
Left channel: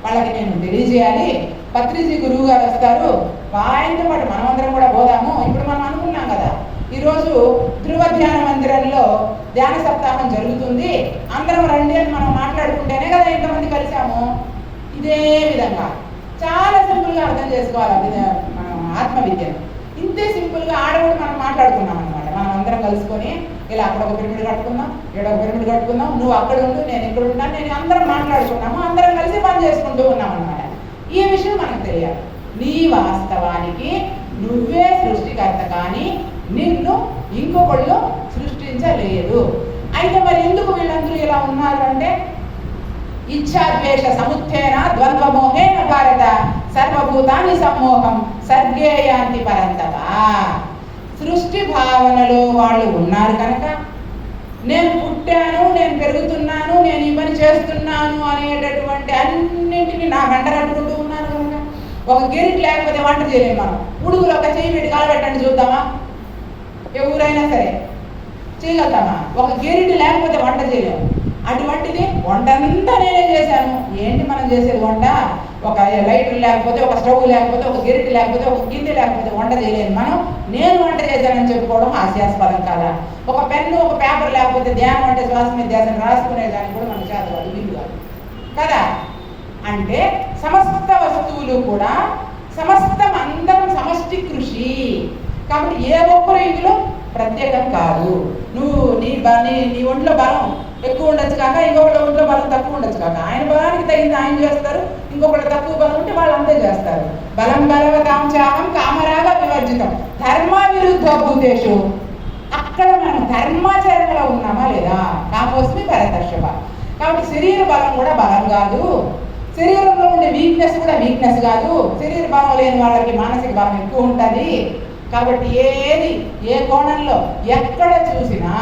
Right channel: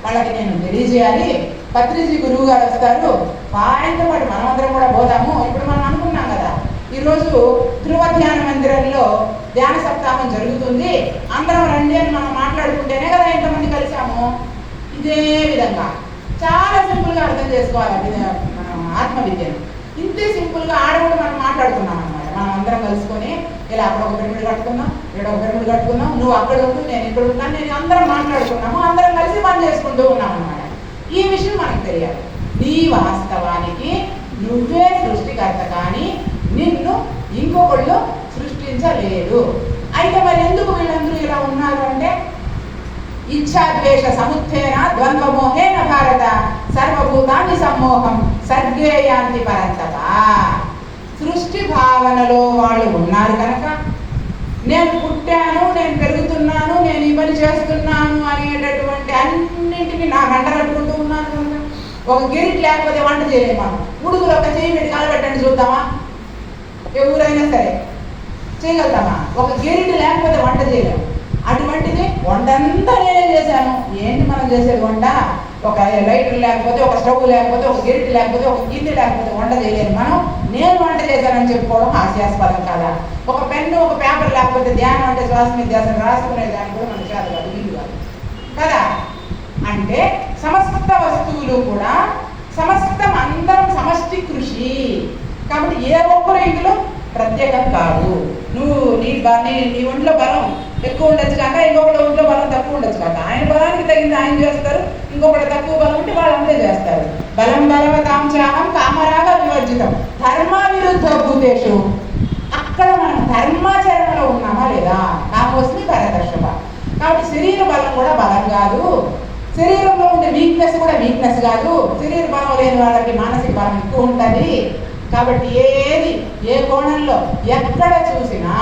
వాళ్ళకి నేను తెలియజేయాలి. పత్రిజీ గురువు గారు వస్తారు, ఆయనతో పాటు మనమందరం కూడా పోదాము. ఇప్పుడు మనం అనుకున్నాం కదా, ఈరోజు ధ్రువ ధ్యాన మందిరంలో ధ్యాన సప్తాహం జరుగుతుంది, అందరం రండి అని మనం మాట్లాడుకుంటేనే కదా ఇంతమంది కలిసాము. ఇదే విధంగా చాలా సింపుల్గా అర్థం చేసుకోవాలి మనం ఆత్మ విద్యను. ఇంతే సింపుల్గా ఆడవాడు మనం మాట్లాడుకున్నాం అనమాట. మనం అందరం కలుసుకొని ఇలా అక్కడ ఒక పిరమిడ్ కట్టుకుందాం, ఇక్కడ ఒక పిరమిడ్ కట్టుకుందాం, నువ్వు అక్కడ ఉంటూ నేను ఇక్కడ ఉంటాను, నేను అందరం మాట్లాడుకున్నాము, అందరం కలిసి పని చేసుకుంటూ ఉన్నాం అనమాట. ఈ విషయం మనకు తెలియాలి. నీ వాస్తవానికి నువ్వే సృష్టికర్త, కానీ నిన్ను ఇంకొకళ్ళు సృష్టించలేదు. అయితే మరి ఎందుకు వీళ్ళందరూ ఇలా ఉన్నారు అంటే, ఇచ్ఛాద్వేష సముత్థేన ద్వంద్వమోహేన భారత సర్వభూతాన్ని సమ్మోహం సర్గేయాంతి పరంతప. సృష్టి భావనలో వాళ్ళు ఉన్నారు కనుక నేను పుట్టాను, నేను పెరుగుతున్నాను, నేను ఈ పని చేస్తున్నాను అనేటటువంటి అన్నింటినీ నాకు అంటగట్టుకుంటూ ఉన్నాను కనుక ఒక గిరిటి లేకపోతే వంట చేయలేము. మనం ఉడుకులు ఒక చెయ్యి పెట్టి కాలబెట్టండి చూద్దామా? ఎవరైనా సరే చేయగలుగుతామా? ఒక గిరిటి లేకపోతే వంట చేయలేము. అటువంటిది వంట అంతా నేనే చేశాను. ఏంటి మనం చేసేది వంట? ఒక లైటర్ లేకపోతే, ఒక స్టవ్ లేకపోతే, ఒక గిరిటి లేకపోతే, ఒక గిన్నె లేకపోతే వంట చేయలేను మనం. నేను వంట చేశానని చెప్పుకోవడం హాస్యాస్పదం కాదా? ఒక పెన్ను, ఒక పేపర్ లేకపోతే ధ్యానం అంటే శ్వాస మీద ధ్యాసం రాసుకునే దాన్ని కూడా మన చేత కాదు, వీలు కాదు కదా. అంటే సమస్త వస్తువులు కూడా సమస్తం అందరం సమష్టి కృషి కాబట్టి ఏ ఒక్కరు ఇందులో ప్రత్యేకం కాదు. నువ్వు నీ ఒంట్లో బలం ఎక్కువ ఉండొచ్చు కాక ఇంకొకటి ఒంట్లో బలం తక్కువ ఉండొచ్చు కాక, ఆయన బలానికి తగింది ఆయన చేస్తారు, ఇంకొకటి తక్కువ బలం ఉంటే వాళ్ళు అంతే చేస్తారు. బలం బలవతాంచాహం కామరాగ వివర్జితం ధర్మ విరుద్ధ భూతేషు. అక్కడ మనం ధర్మాచరణలో ఉన్నామా లేదా? కామోస్మి పరదర్శక. కాబట్టి శరీర బలం కూడా బలం కాదు, శరీరంలో ఉండే వీక్నెస్ కూడా వీక్నెస్ కాదు. శరీర బలం లేని వాళ్ళకి మానసిక బలం ఎక్కువ ఉంటుంది. కాబట్టి ఏది ఏ కోణంలో ఎక్కడ చూసినా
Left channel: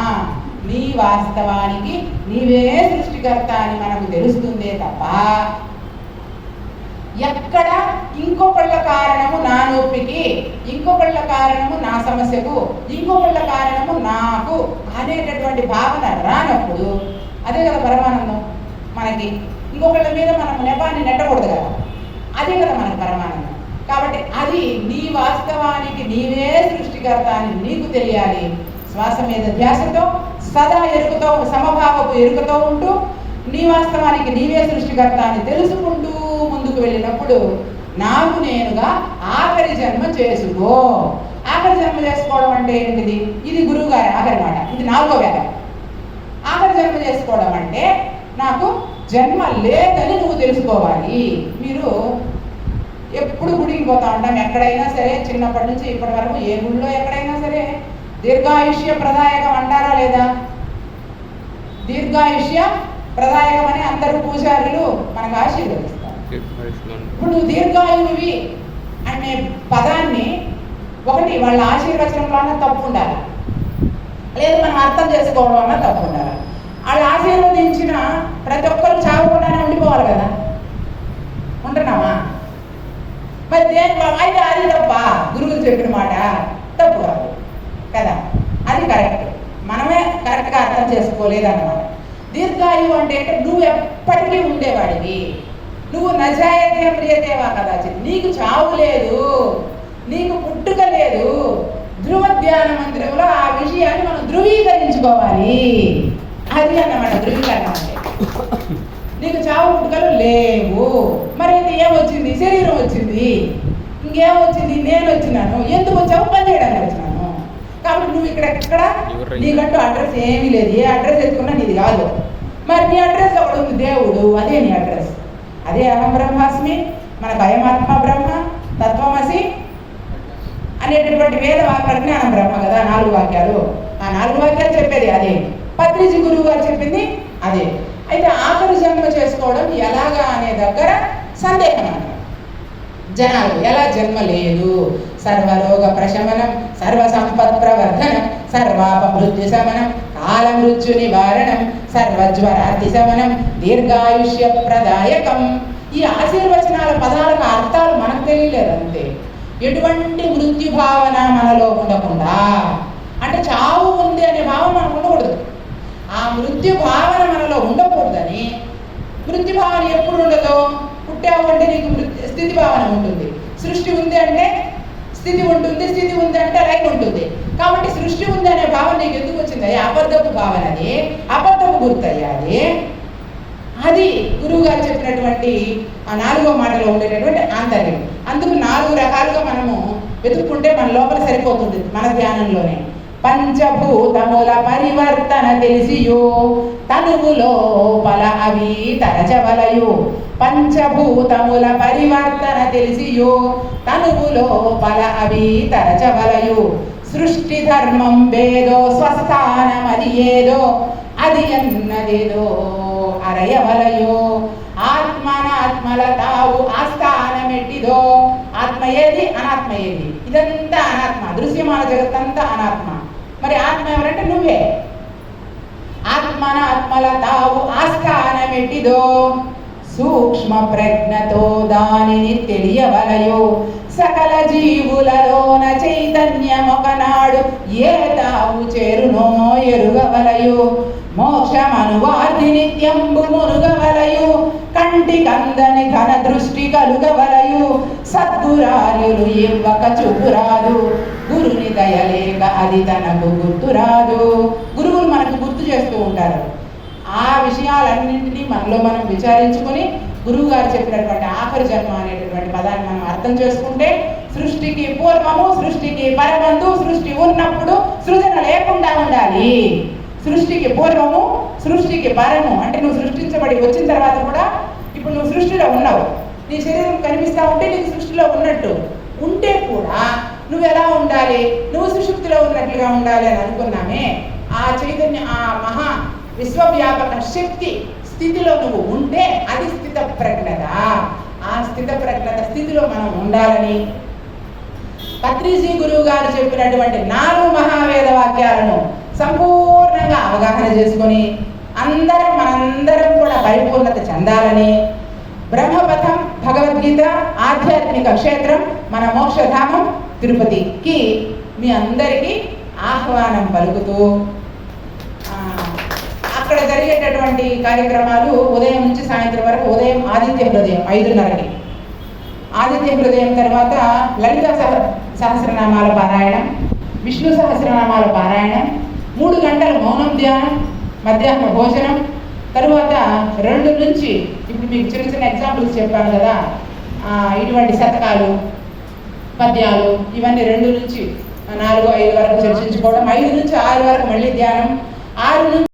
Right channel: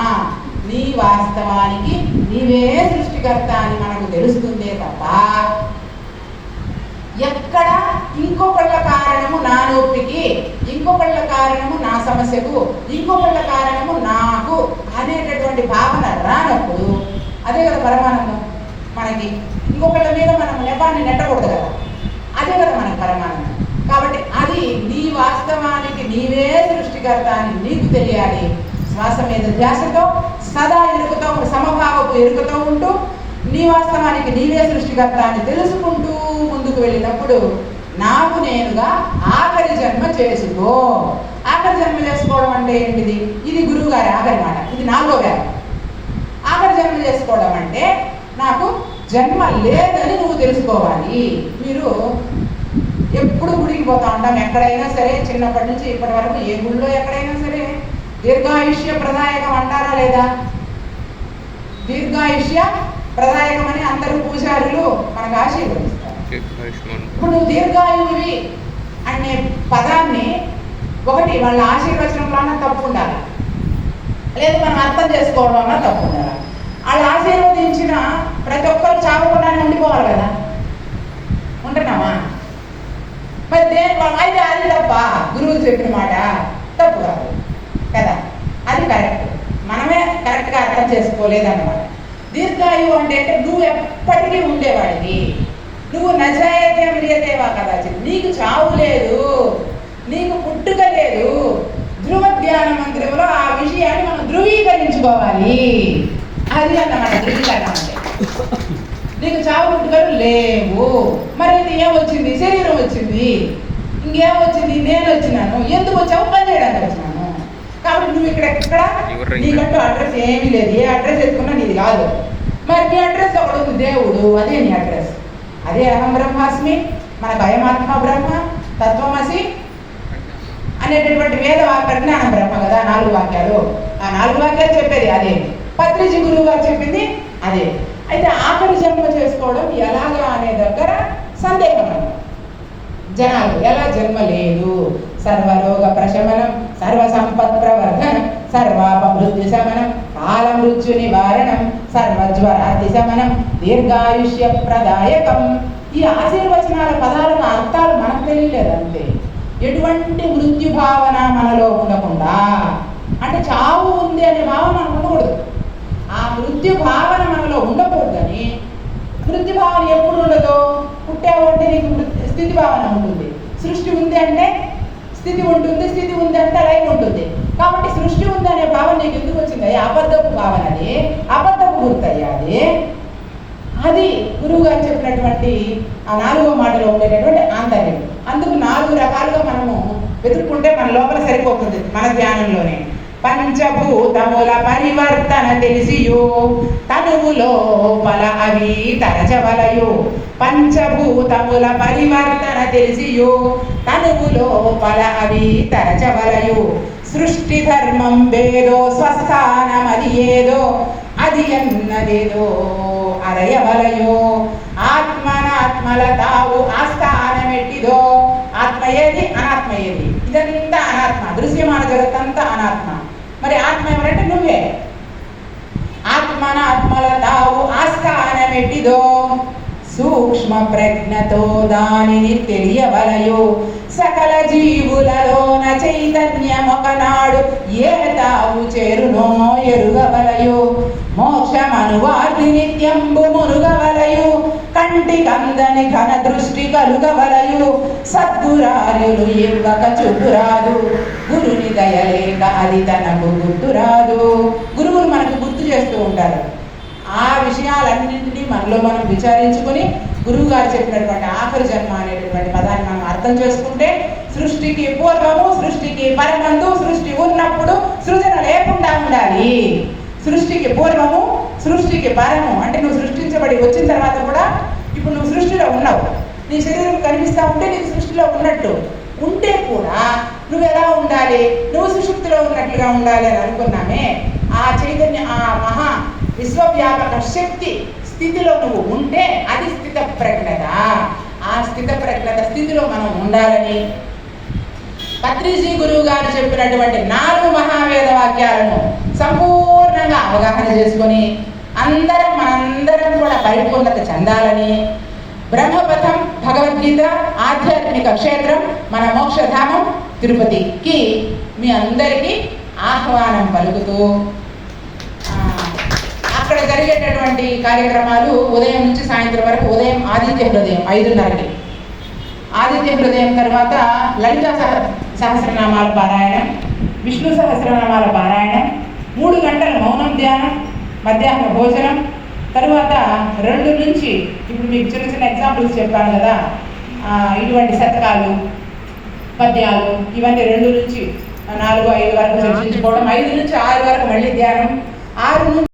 నీ వాస్తవానికి నీవే సృష్టికర్త అని మనకు తెలుస్తుందే తప్ప ఎక్కడ ఇంకొకళ్ళ కారణము నా నొప్పికి, ఇంకొకళ్ళ కారణము నా సమస్యకు, ఇంకొకళ్ళ కారణము నాకు అనేటటువంటి భావన రానప్పుడు అదే కదా పరమానందం మనకి. ఇంకొకళ్ళ మీద మనం నెపాన్ని నెట్టకూడదు కదా, అదే కదా మనకి పరమానందం. కాబట్టి అది నీ వాస్తవానికి నీవే సృష్టికర్త అని నీకు తెలియాలి. శ్వాస మీద ధ్యాసతో సదా ఎరుకుతో సమభావపు ఎరుకతో ఉంటూ నీ వాస్తవానికి నీవే సృష్టికర్త అని తెలుసుకుంటూ ముందుకు వెళ్ళినప్పుడు నాకు నేనుగా ఆఖరి జన్మ చేసుకో. ఆఖరి జన్మ చేసుకోవడం అంటే ఏంటిది? ఇది గురువు గారి ఆఖరి మాట, ఇది 4వ వేదం. ఆఖరి జన్మ చేసుకోవడం అంటే నాకు జన్మ లేదని నువ్వు తెలుసుకోవాలి. మీరు ఎప్పుడు గుడికి పోతా ఉంటాం, ఎక్కడైనా సరే చిన్నప్పటి నుంచి ఇప్పటి వరకు ఏ గుడిలో ఎక్కడైనా సరే దీర్ఘాయుష్య ప్రదాయకం అంటారా లేదా? దీర్ఘాయుష్య ప్రదాయకం అని అందరూ పూజారులు మనకు ఆశీర్వదిస్తారు. ఇప్పుడు నువ్వు దీర్ఘాయువి అనే పదాన్ని ఒకటి వాళ్ళ ఆశీర్వచనంలోనే తప్పు ఉండాలి, లేదు మనం అర్థం చేసుకోవడంలో తప్పు ఉండాలి. వాళ్ళు ఆశీర్వదించిన ప్రతి ఒక్కరు చావకుండానే ఉండిపోవాలి కదా, ఉంటున్నావా? మరి దేని అయితే అది తప్ప, గురువులు చెప్పిన మాట తప్పు కాదు కదా, అది కరెక్ట్. మనమే కరెక్ట్గా అర్థం చేసుకోలేదన్నమాట. దీర్ఘాయువు అంటే నువ్వు ఎప్పటికీ ఉండేవాడివి, నువ్వు నజాయతే మ్రియతేవా కదా, నీకు చావు లేదు, నీకు పుట్టుక లేదు. ధ్రువ ధ్యాన మందిరంలో ఆ విషయాన్ని మనం ధృవీకరించుకోవాలి. అది అన్నమాట ధృవీకరణ అంటే. నీకు చావు పుట్టుకలు లేవు. మరి ఇది ఏమొచ్చింది? శరీరం వచ్చింది. ఇంకేమొచ్చింది? నేను వచ్చినాను. ఎందుకు వచ్చావు? పని చేయడానికి వచ్చినాను. కాబట్టి నువ్వు ఇక్కడ నీకంటూ అడ్రస్ ఏమీ లేదు. ఏ అడ్రస్ ఎత్తుకున్నా నీది కాదు. మరి నీ అడ్రస్ ఒకడు ఉంది, దేవుడు, అదే నీ అడ్రస్. అదే అహం బ్రహ్మాస్మి, మనకు అయమాత్మ బ్రహ్మ, తత్వమసి అనేటటువంటి వేద ప్రజ్ఞానం బ్రహ్మ కదా. 4 వాక్యాలు, ఆ 4 వాక్యాలు చెప్పేది అదే. పత్రిజీ గురువు గారు చెప్పింది అదే. అయితే ఆఖరి జన్మ చేసుకోవడం ఎలాగా అనే దగ్గర సందేహం అన్నమాట. జనాలు ఎలా జన్మ లేదు, సర్వరోగ ప్రశమనం, సర్వ సంపత్ ప్రవర్ధనం, సర్వాపమృత్యు శమనం, కాల మృత్యు నివారణం, సర్వజ్వరాది శమనం, దీర్ఘాయుష్య ప్రదాయకం. ఈ ఆశీర్వచనాల పదాలకు అర్థాలు మనకు తెలియలేదు అంతే. ఎటువంటి మృత్యు భావన మనలో ఉండకుండా, అంటే చావు ఉంది అనే భావన మనకు ఉండకూడదు. ఆ మృత్యు భావన మనలో ఉండకూడదని. మృత్యు భావన ఎప్పుడు ఉండదు? పుట్టావు అంటే నీకు స్థితి భావన ఉంటుంది. సృష్టి ఉంది అంటే స్థితి ఉంటుంది, స్థితి ఉంది అంటే లైన్ ఉంటుంది. కాబట్టి సృష్టి ఉంది అనే భావన నీకు ఎందుకు వచ్చింది? అబద్ధపు భావన, అది అబద్ధపు గుర్తయ్యాది. అది గురువు గారు చెప్పినటువంటి ఆ 4వ మాటలో ఉండేటటువంటి ఆంతర్యం. అందుకు 4 రకాలుగా మనము వెతుక్కుంటే మన లోపల సరిపోతుంది మన ధ్యానంలోనే. పంచభూతముల పరివర్తన తెలిసియో తనువులో బల అవి తరచవలయు. పంచభూతముల పరివర్తన తెలిసియో తనువులో బల అవి తరచవలయు. సృష్టి ధర్మం వేదో స్వస్థానమది ఏదో అది అన్నదేదో అరయవలయో. ఆత్మనాత్మల తావు ఆస్థానమెట్టిదో. ఆత్మ ఏది, అనాత్మ ఏది? ఇదంతా అనాత్మ, దృశ్యమాన జగత్తంతా అనాత్మ. మరి ఆత్మ ఎవరంటే నువ్వే. ఆత్మనాత్మల తావు ఆస్థానమెట్టిదో సూక్ష్మ ప్రజ్ఞతో దానిని తెలియవలయో. సకల జీవులలోన చైతన్యమొకనాడు ఏ తావు చేరునో ఎరుగవలయో. మోక్షమనువాది నిత్యంబు మునుగవలయు. కంటి కందని ఘన దృష్టి కలుగవలయు. సద్గురార్యులు ఇవ్వక చూపురాదు. గురుని దయలేక అది తనకు గుర్తురాదు. గురువులు మనకు గుర్తు చేస్తూ ఉంటారు. ఆ విషయాలన్నింటినీ మనలో మనం విచారించుకొని గురువు గారు చెప్పినటువంటి ఆఖరి జన్మ అనేటటువంటి పదాన్ని మనం అర్థం చేసుకుంటే, సృష్టికి పూర్వము, సృష్టికి పరమందు, సృష్టి ఉన్నప్పుడు సృజన లేకుండా ఉండాలి. సృష్టికి పూర్వము, సృష్టికి పరము అంటే నువ్వు సృష్టించబడి వచ్చిన తర్వాత కూడా ఇప్పుడు నువ్వు సృష్టిలో ఉన్నావు. నీ శరీరం కనిపిస్తూ ఉంటే నీకు సృష్టిలో ఉన్నట్టు ఉంటే కూడా నువ్వు ఎలా ఉండాలి? నువ్వు సుషుప్తిలో ఉన్నట్లుగా ఉండాలి అని అనుకున్నామే. ఆ చైతన్య, ఆ మహా విశ్వవ్యాపక శక్తి స్థితిలో నువ్వు ఉంటే అది స్థిత ప్రజ్ఞత. ఆ స్థిత ప్రజ్ఞత స్థితిలో మనం ఉండాలని పత్రిజీ గురువు గారు చెప్పినటువంటి 4 మహావేద వాక్యాలను సంపూర్ణంగా అవగాహన చేసుకొని మనందరం కూడా పరిపూర్ణత చెందాలని, బ్రహ్మపథం భగవద్గీత ఆధ్యాత్మిక క్షేత్రం మన మోక్షధామం తిరుపతికి మీ అందరికీ ఆహ్వానం పలుకుతూ, అక్కడ జరిగేటటువంటి కార్యక్రమాలు ఉదయం నుంచి సాయంత్రం వరకు. ఉదయం ఆదిత్య హృదయం 5:30కి, ఆదిత్య హృదయం తర్వాత లలిత సహస్రనామాల పారాయణం, విష్ణు సహస్రనామాల పారాయణం, 3 గంటల మౌనం ధ్యానం, మధ్యాహ్న భోజనం. తరువాత 2 నుంచి ఇప్పుడు మీకు చిన్న చిన్న ఎగ్జాంపుల్స్ చెప్పాను కదా, ఇటువంటి శతకాలు, పద్యాలు, ఇవన్నీ 2 నుంచి 4, 5 వరకు చర్చించుకోవడం. 5 నుంచి 6 వరకు మళ్ళీ ధ్యానం. 6 నుంచి